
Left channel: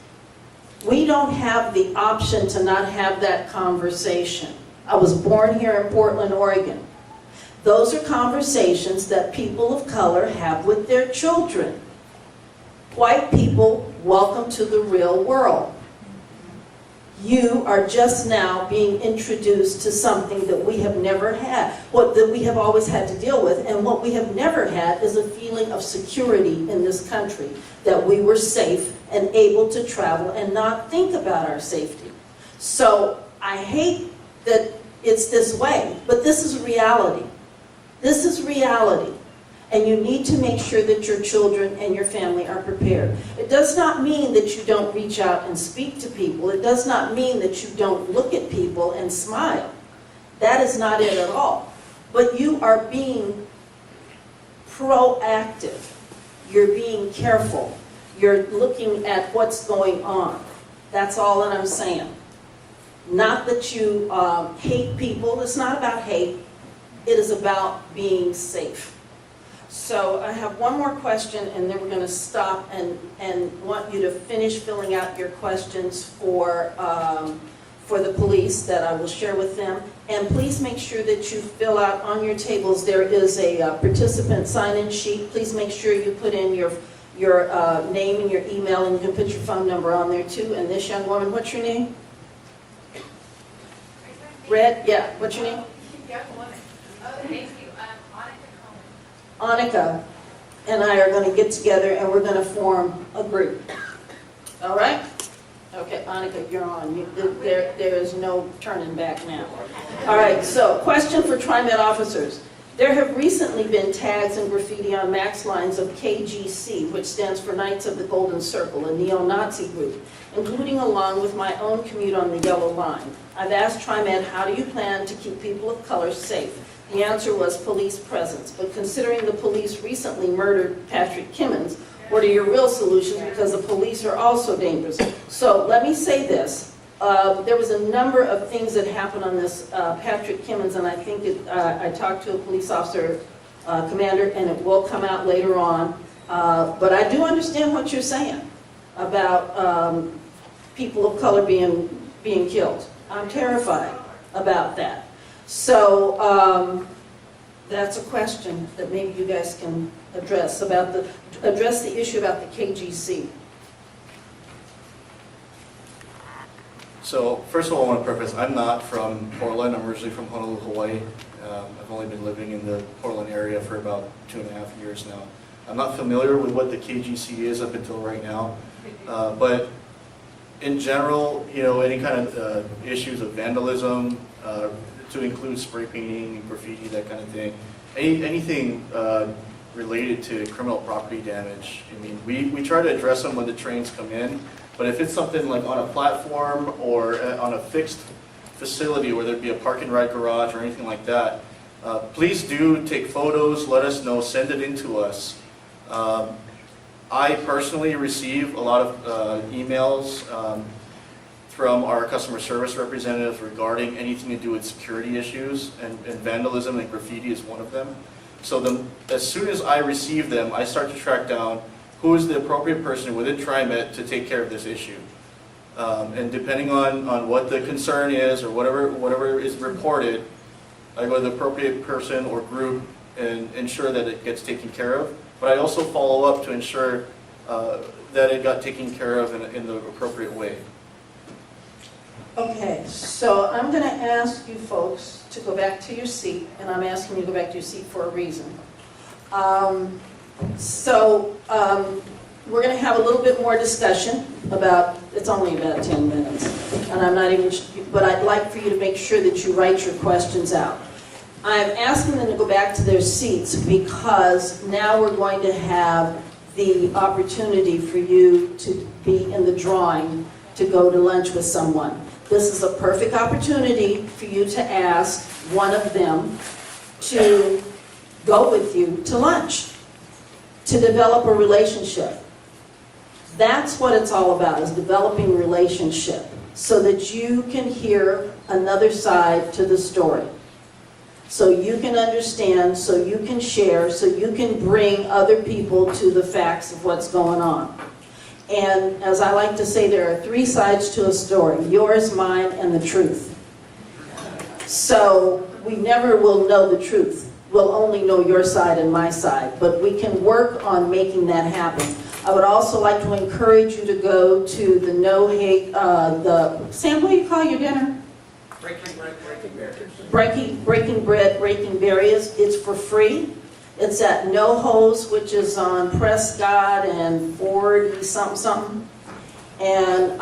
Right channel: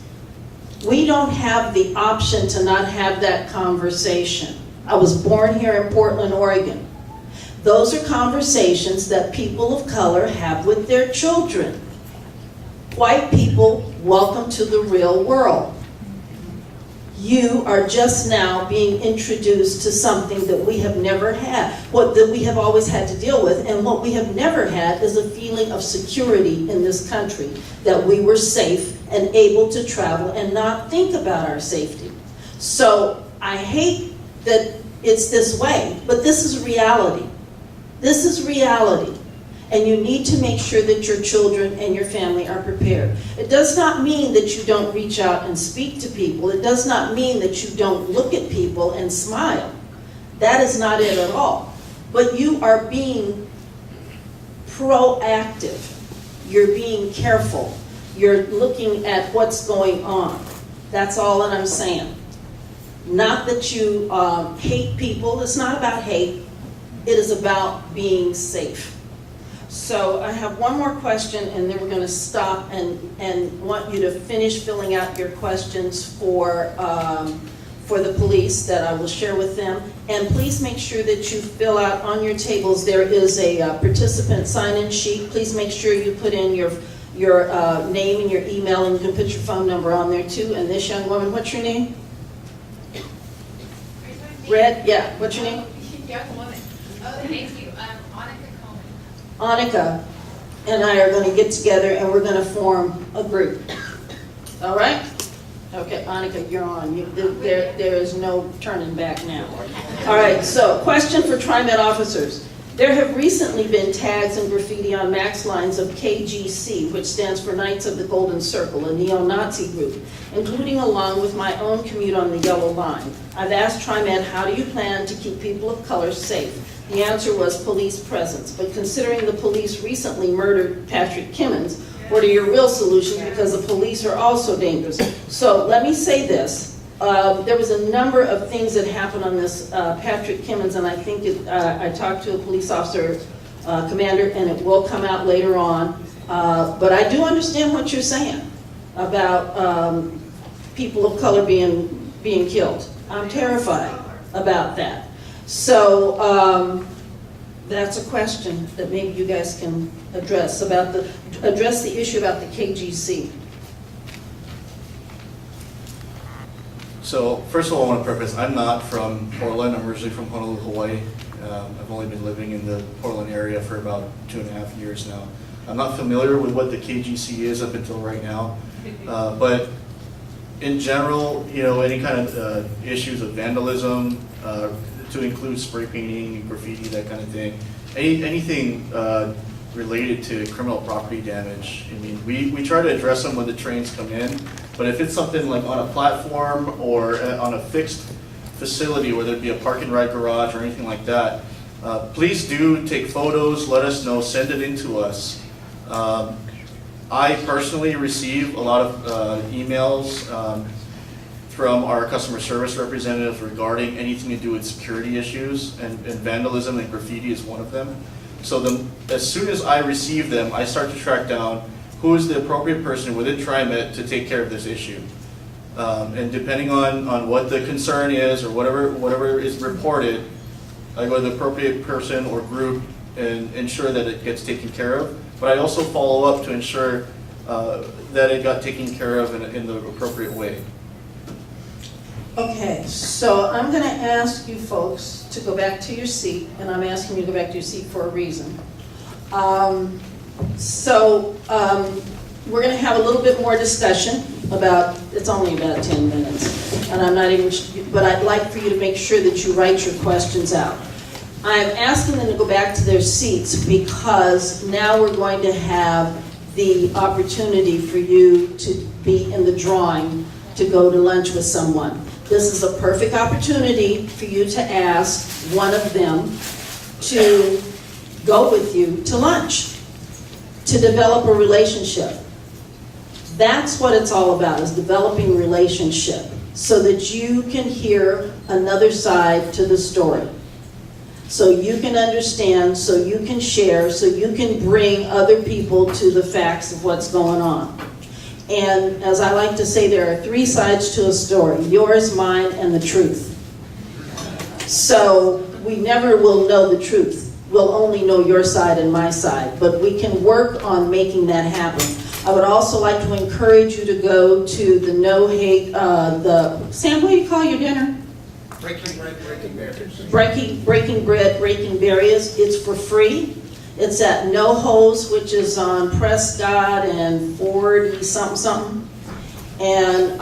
We don't have the option to not have that conversation. I was born here in Portland, Oregon. Those are conversations that people of color have with their children. White people, welcome to the real world. You are just now being introduced to something that we have never had, that we have always had to deal with, and what we have never had is a feeling of security in this country, that we were safe and able to travel and not think about our safety. So I hate that it's this way, but this is reality. This is reality. And you need to make sure that your children and your family are prepared. It does not mean that you don't reach out and speak to people. It does not mean that you don't look at people and smile. That is not it at all. But you are being proactive. You're being careful. You're looking at what's going on. That's all that I'm saying. Not that you hate people. It's not about hate. It is about being safe. So I have one more question, and then we're going to stop and want you to finish filling out your questions for the police that I will share with them. And please make sure that you fill out on your tables. There is a participant sign-in sheet. Please make sure you put in your name and your email, and you can put your phone number on there too. And this young woman, what's your name? Red? Yeah. What's your name? Young woman. Oh, thank you. Annika and I are going to get together and we're going to form a group. All right? Okay, Annika, you're on. There is no turning back now. All right, so question for TriMet officers. There have recently been tags and graffiti on max lines of KGC, which stands for Knights of the Golden Circle, a neo-Nazi group, including along with my own commute on the Yellow Line. I've asked TriMet, how do you plan to keep people of color safe? The answer was police presence, but considering the police recently murdered Patrick Kimmons, what are your real solutions, because the police are also dangerous? So let me say this. There was a number of things that happened on this Patrick Kimmons, and I think I talked to a police officer, commander, and it will come out later on. But I do understand what you're saying about people of color being killed. I'm terrified about that. So that's a question that maybe you guys can address address the issue about the KGC. So first of all, I want to preface, I'm not from Portland. I'm originally from Honolulu, Hawaii. I've only been living in the Portland area for about 2.5 years now. I'm not familiar with what the KGC is up until right now, but in general, you know, any kind of issues of vandalism, to include spray painting, graffiti, that kind of thing, anything related to criminal property damage. I mean, we try to address them when the trains come in, but if it's something like on a platform or on a fixed facility, whether it be a park and ride garage or anything like that, please do take photos, let us know, send it in to us. I personally receive a lot of emails from our customer service representatives regarding anything to do with security issues, and vandalism and graffiti is one of them. So as soon as I receive them, I start to track down who is the appropriate person within TriMet to take care of this issue. And depending on what the concern is or whatever is reported, I go to the appropriate person or group and ensure that it gets taken care of. But I also follow up to ensure that it got taken care of in the appropriate way. Okay, so I'm going to ask you folks to go back to your seat, and I'm asking you to go back to your seat for a reason. We're going to have a little bit more discussion about, it's only about 10 minutes, and I'm not even, but I'd like for you to make sure that you write your questions out. I'm asking them to go back to their seats because now we're going to have the opportunity for you to be in the drawing to go to lunch with someone. This is a perfect opportunity for you to ask one of them to go with you to lunch, to develop a relationship. That's what it's all about, is developing a relationship so that you can hear another side to the story. So you can understand, so you can share, so you can bring other people to the facts of what's going on. And as I like to say, there are 3 sides to a story: yours, mine, and the truth. So we never will know the truth. We'll only know your side and my side, but we can work on making that happen. I would also like to encourage you to go to the No Hate, Sam, what do you call your dinner? Breaking Bread, Breaking Barriers. It's for free. It's at No Hose, which is on Prescott and 40 something. And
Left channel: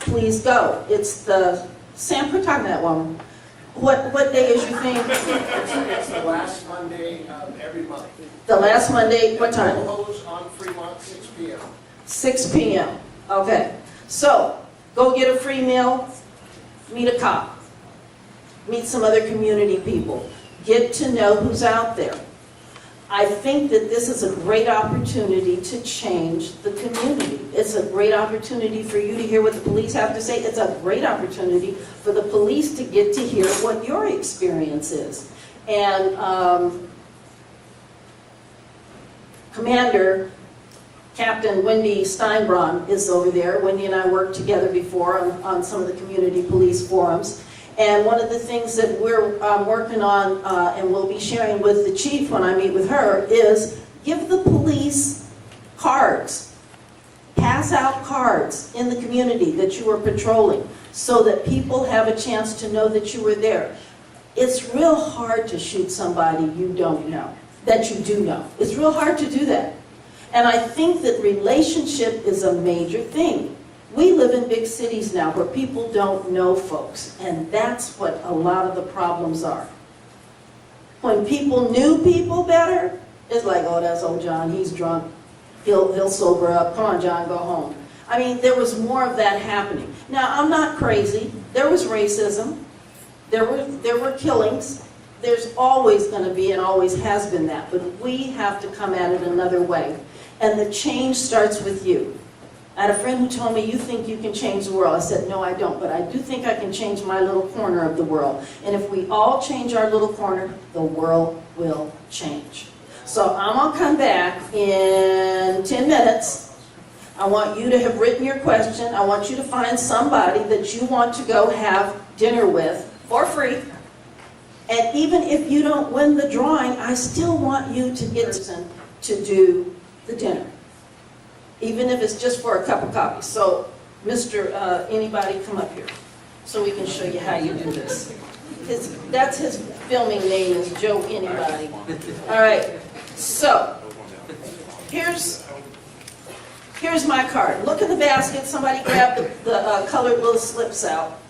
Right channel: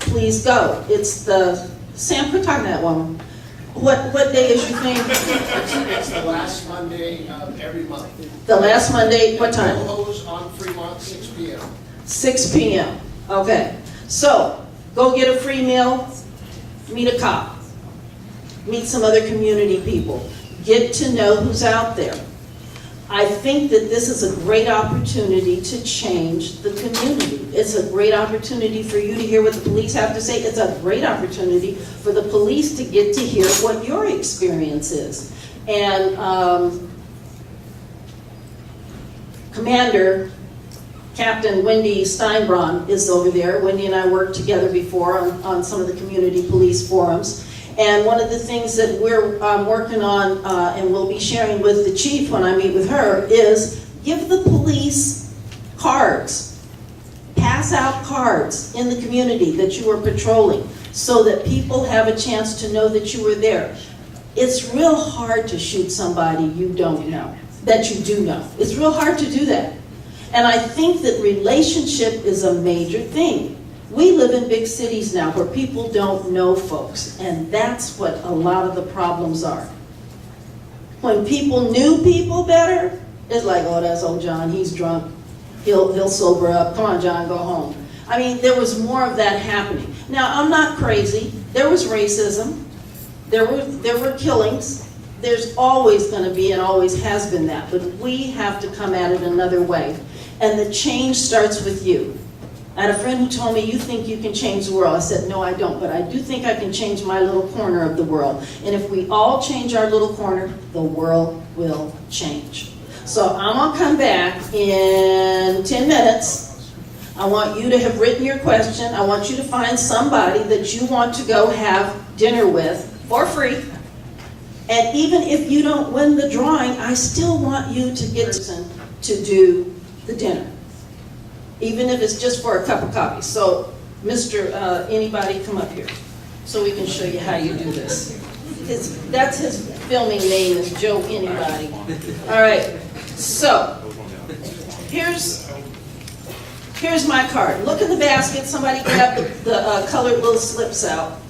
please go. It's the, Sam, quit talking to that woman. What day is your thing? It's the last Monday of every month. The last Monday, what time? No Hose on Fremont, 6 p.m. 6 p.m. Okay. So, go get a free meal, meet a cop, meet some other community people, get to know who's out there. I think that this is a great opportunity to change the community. It's a great opportunity for you to hear what the police have to say. It's a great opportunity for the police to get to hear what your experience is. And Commander Captain Wendy Steinbraun is over there. Wendy and I worked together before on some of the community police forums. And one of the things that we're working on and we'll be sharing with the chief when I meet with her is give the police cards. Pass out cards in the community that you are patrolling so that people have a chance to know that you were there. It's real hard to shoot somebody you don't know, that you do know. It's real hard to do that. And I think that relationship is a major thing. We live in big cities now where people don't know folks, and that's what a lot of the problems are. When people knew people better, it's like, oh, that's old John, he's drunk. He'll sober up. Come on, John, go home. I mean, there was more of that happening. Now, I'm not crazy. There was racism. There were killings. There's always going to be and always has been that. But we have to come at it another way. And the change starts with you. I had a friend who told me, you think you can change the world. I said, no, I don't. But I do think I can change my little corner of the world. And if we all change our little corner, the world will change. So I'm going to come back in 10 minutes. I want you to have written your question. I want you to find somebody that you want to go have dinner with for free. And even if you don't win the drawing, I still want you to get to do the dinner. Even if it's just for a cup of coffee. So, anybody come up here so we can show you how you do this. That's his filming name is Joe Anybody. All right, so here's my card. Look in the basket. Somebody grab the colored little slips out.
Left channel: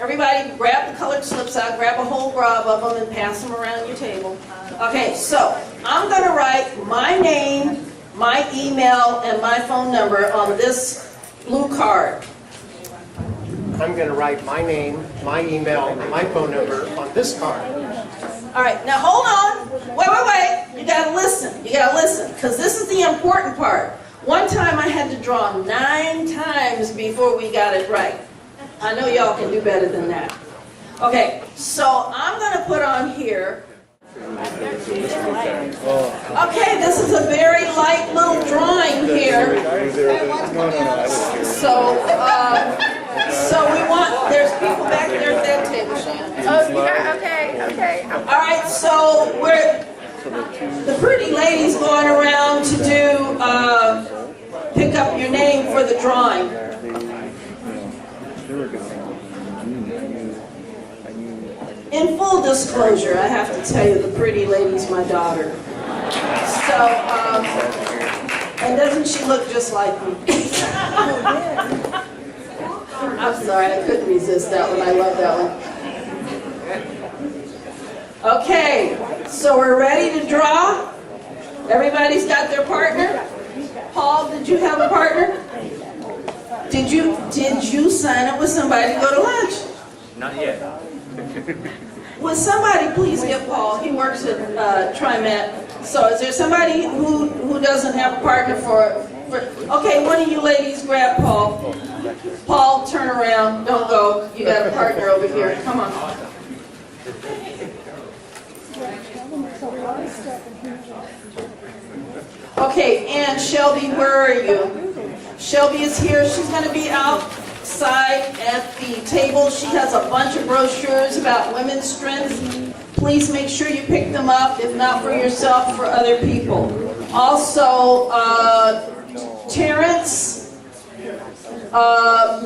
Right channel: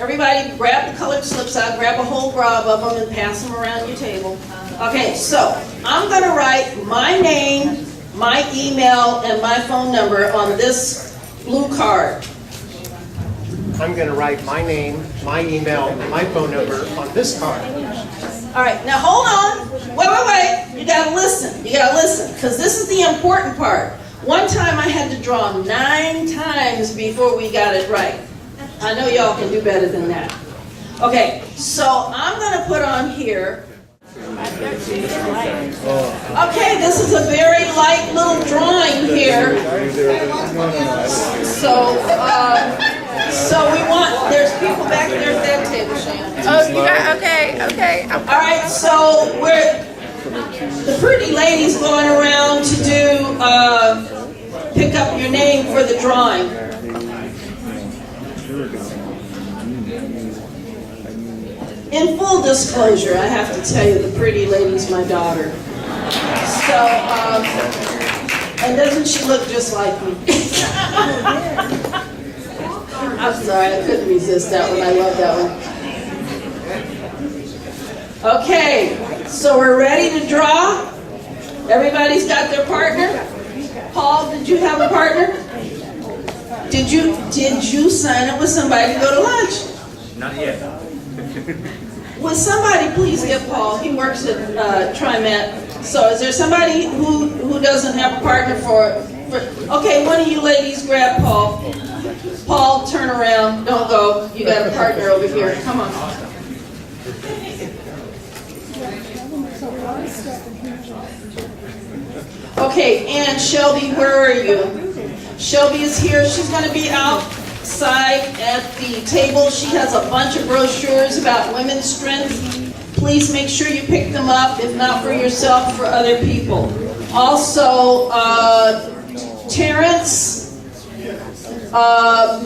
Everybody grab the colored slips out, grab a whole grab of them and pass them around your table. Okay, so I'm going to write my name, my email, and my phone number on this blue card. I'm going to write my name, my email, and my phone number on this card. All right, now hold on. Wait. You got to listen, because this is the important part. One time I had to draw 9 times before we got it right. I know y'all can do better than that. Okay, so I'm going to put on here. Okay, this is a very light little drawing here. So we want, there's people back there at that table, Shannon. Oh, you got, okay. All right, so the pretty lady's going around to do, pick up your name for the drawing. In full disclosure, I have to tell you, the pretty lady's my daughter. So, and doesn't she look just like me? I'm sorry, I couldn't resist that one. I love that one. Okay, so we're ready to draw. Everybody's got their partner. Paul, did you have a partner? Did you sign up with somebody to go to lunch? Not yet. Would somebody please get Paul? He works at TriMet. So is there somebody who doesn't have a partner for? Okay, one of you ladies grab Paul. Paul, turn around. Don't go. You got a partner over here. Come on. Okay, and Shelby, where are you? Shelby is here. She's going to be outside at the table. She has a bunch of brochures about women's strength. Please make sure you pick them up, if not for yourself, for other people. Also, Terrence,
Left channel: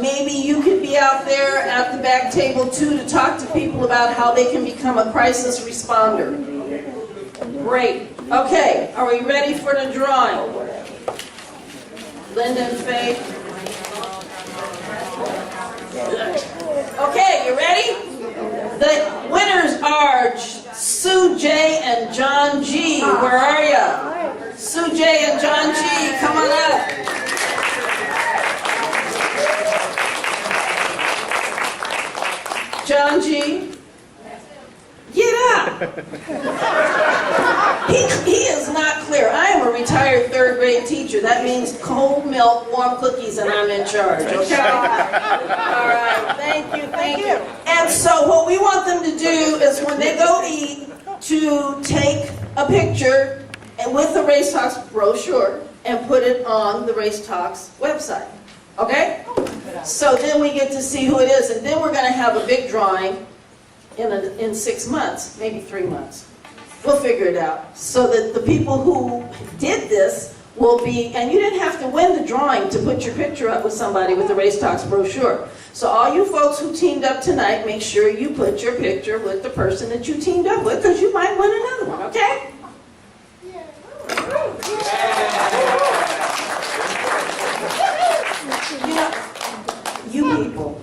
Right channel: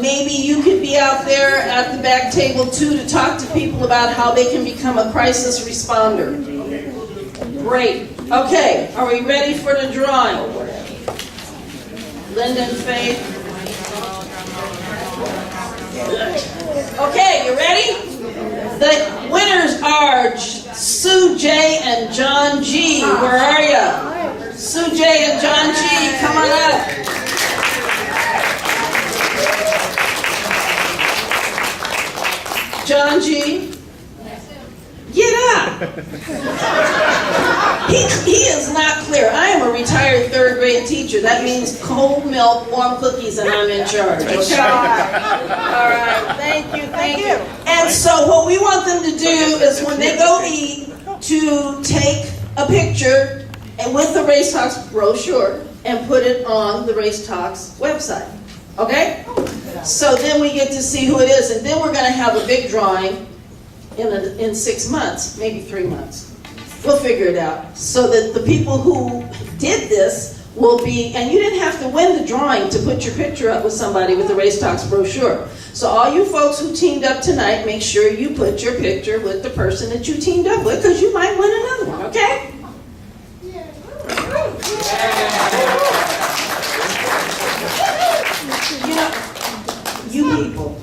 maybe you could be out there at the back table too to talk to people about how they can become a crisis responder. Great. Okay, are we ready for the drawing? Linda and Faith. Okay, you ready? The winners are Sue J. and John G. Where are you? Sue J. and John G., come on up. John G., get up. He is not clear. I am a retired 3rd grade teacher. That means cold milk, warm cookies, and I'm in charge, okay? All right, thank you. And so what we want them to do is when they go eat, to take a picture and with the Race Talks brochure and put it on the Race Talks website, okay? So then we get to see who it is, and then we're going to have a big drawing in 6 months, maybe 3 months. We'll figure it out. So that the people who did this will be, and you didn't have to win the drawing to put your picture up with somebody with the Race Talks brochure. So all you folks who teamed up tonight, make sure you put your picture with the person that you teamed up with, because you might win another one, okay? You know, you people.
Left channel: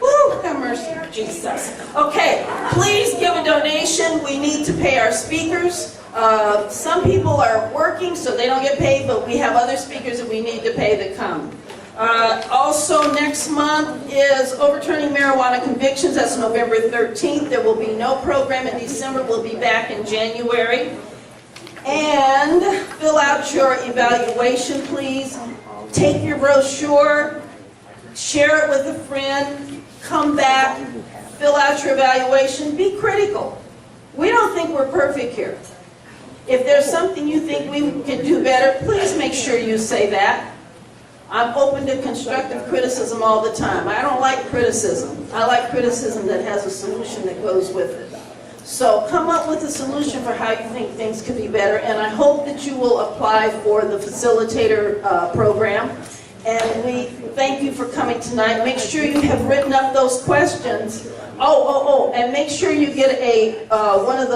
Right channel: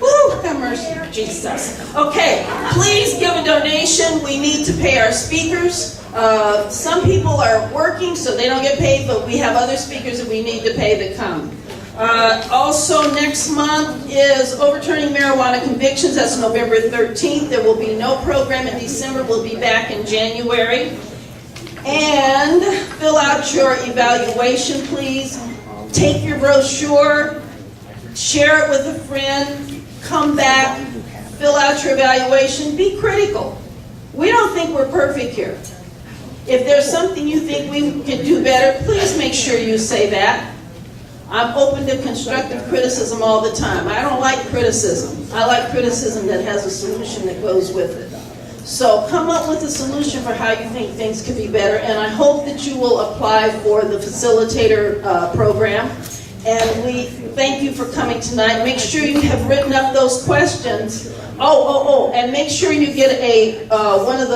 Woo, have mercy. Jesus. Okay, please give a donation. We need to pay our speakers. Some people are working, so they don't get paid, but we have other speakers that we need to pay that come. Also, next month is overturning marijuana convictions. That's November 13th. There will be no program in December. We'll be back in January. And fill out your evaluation, please. Take your brochure, share it with a friend, come back, fill out your evaluation, be critical. We don't think we're perfect here. If there's something you think we can do better, please make sure you say that. I'm open to constructive criticism all the time. I don't like criticism. I like criticism that has a solution that goes with it. So come up with a solution for how you think things could be better, and I hope that you will apply for the facilitator program. And we thank you for coming tonight. Make sure you have written up those questions. And make sure you get a one of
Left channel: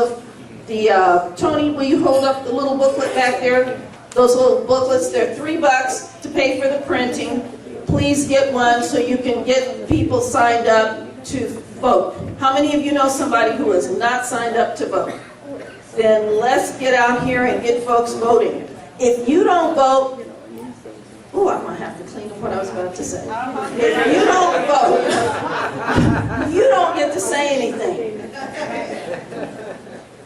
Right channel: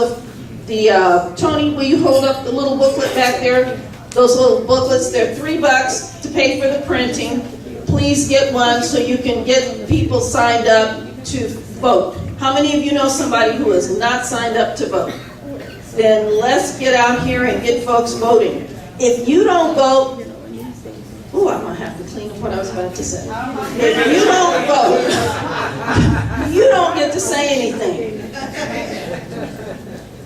the Tony, will you hold up the little booklet back there? Those little booklets, they're $3 to pay for the printing. Please get one so you can get people signed up to vote. How many of you know somebody who is not signed up to vote? Then let's get out here and get folks voting. If you don't vote, I'm going to have to clean up what I was about to say. If you don't vote, you don't get to say anything.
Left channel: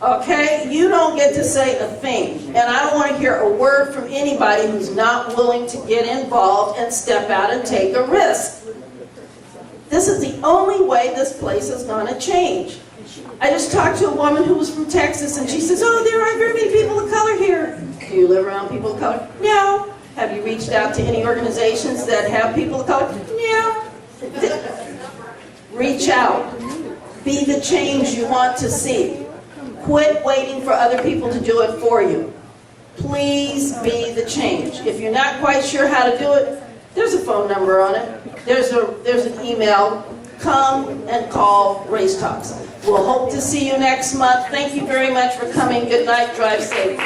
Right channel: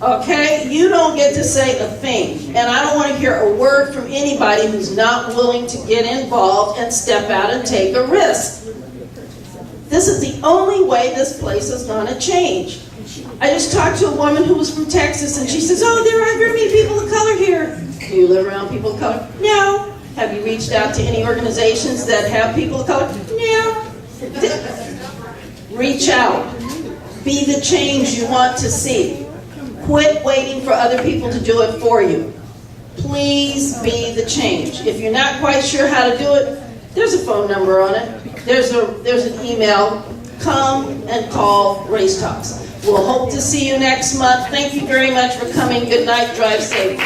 Okay? You don't get to say a thing. And I don't want to hear a word from anybody who's not willing to get involved and step out and take a risk. This is the only way this place is going to change. I just talked to a woman who was from Texas, and she says, there aren't very many people of color here. Do you live around people of color? No. Have you reached out to any organizations that have people of color? No. Reach out. Be the change you want to see. Quit waiting for other people to do it for you. Please be the change. If you're not quite sure how to do it, there's a phone number on it. There's an email. Come and call Race Talks. We'll hope to see you next month. Thank you very much for coming. Good night. Drive safe.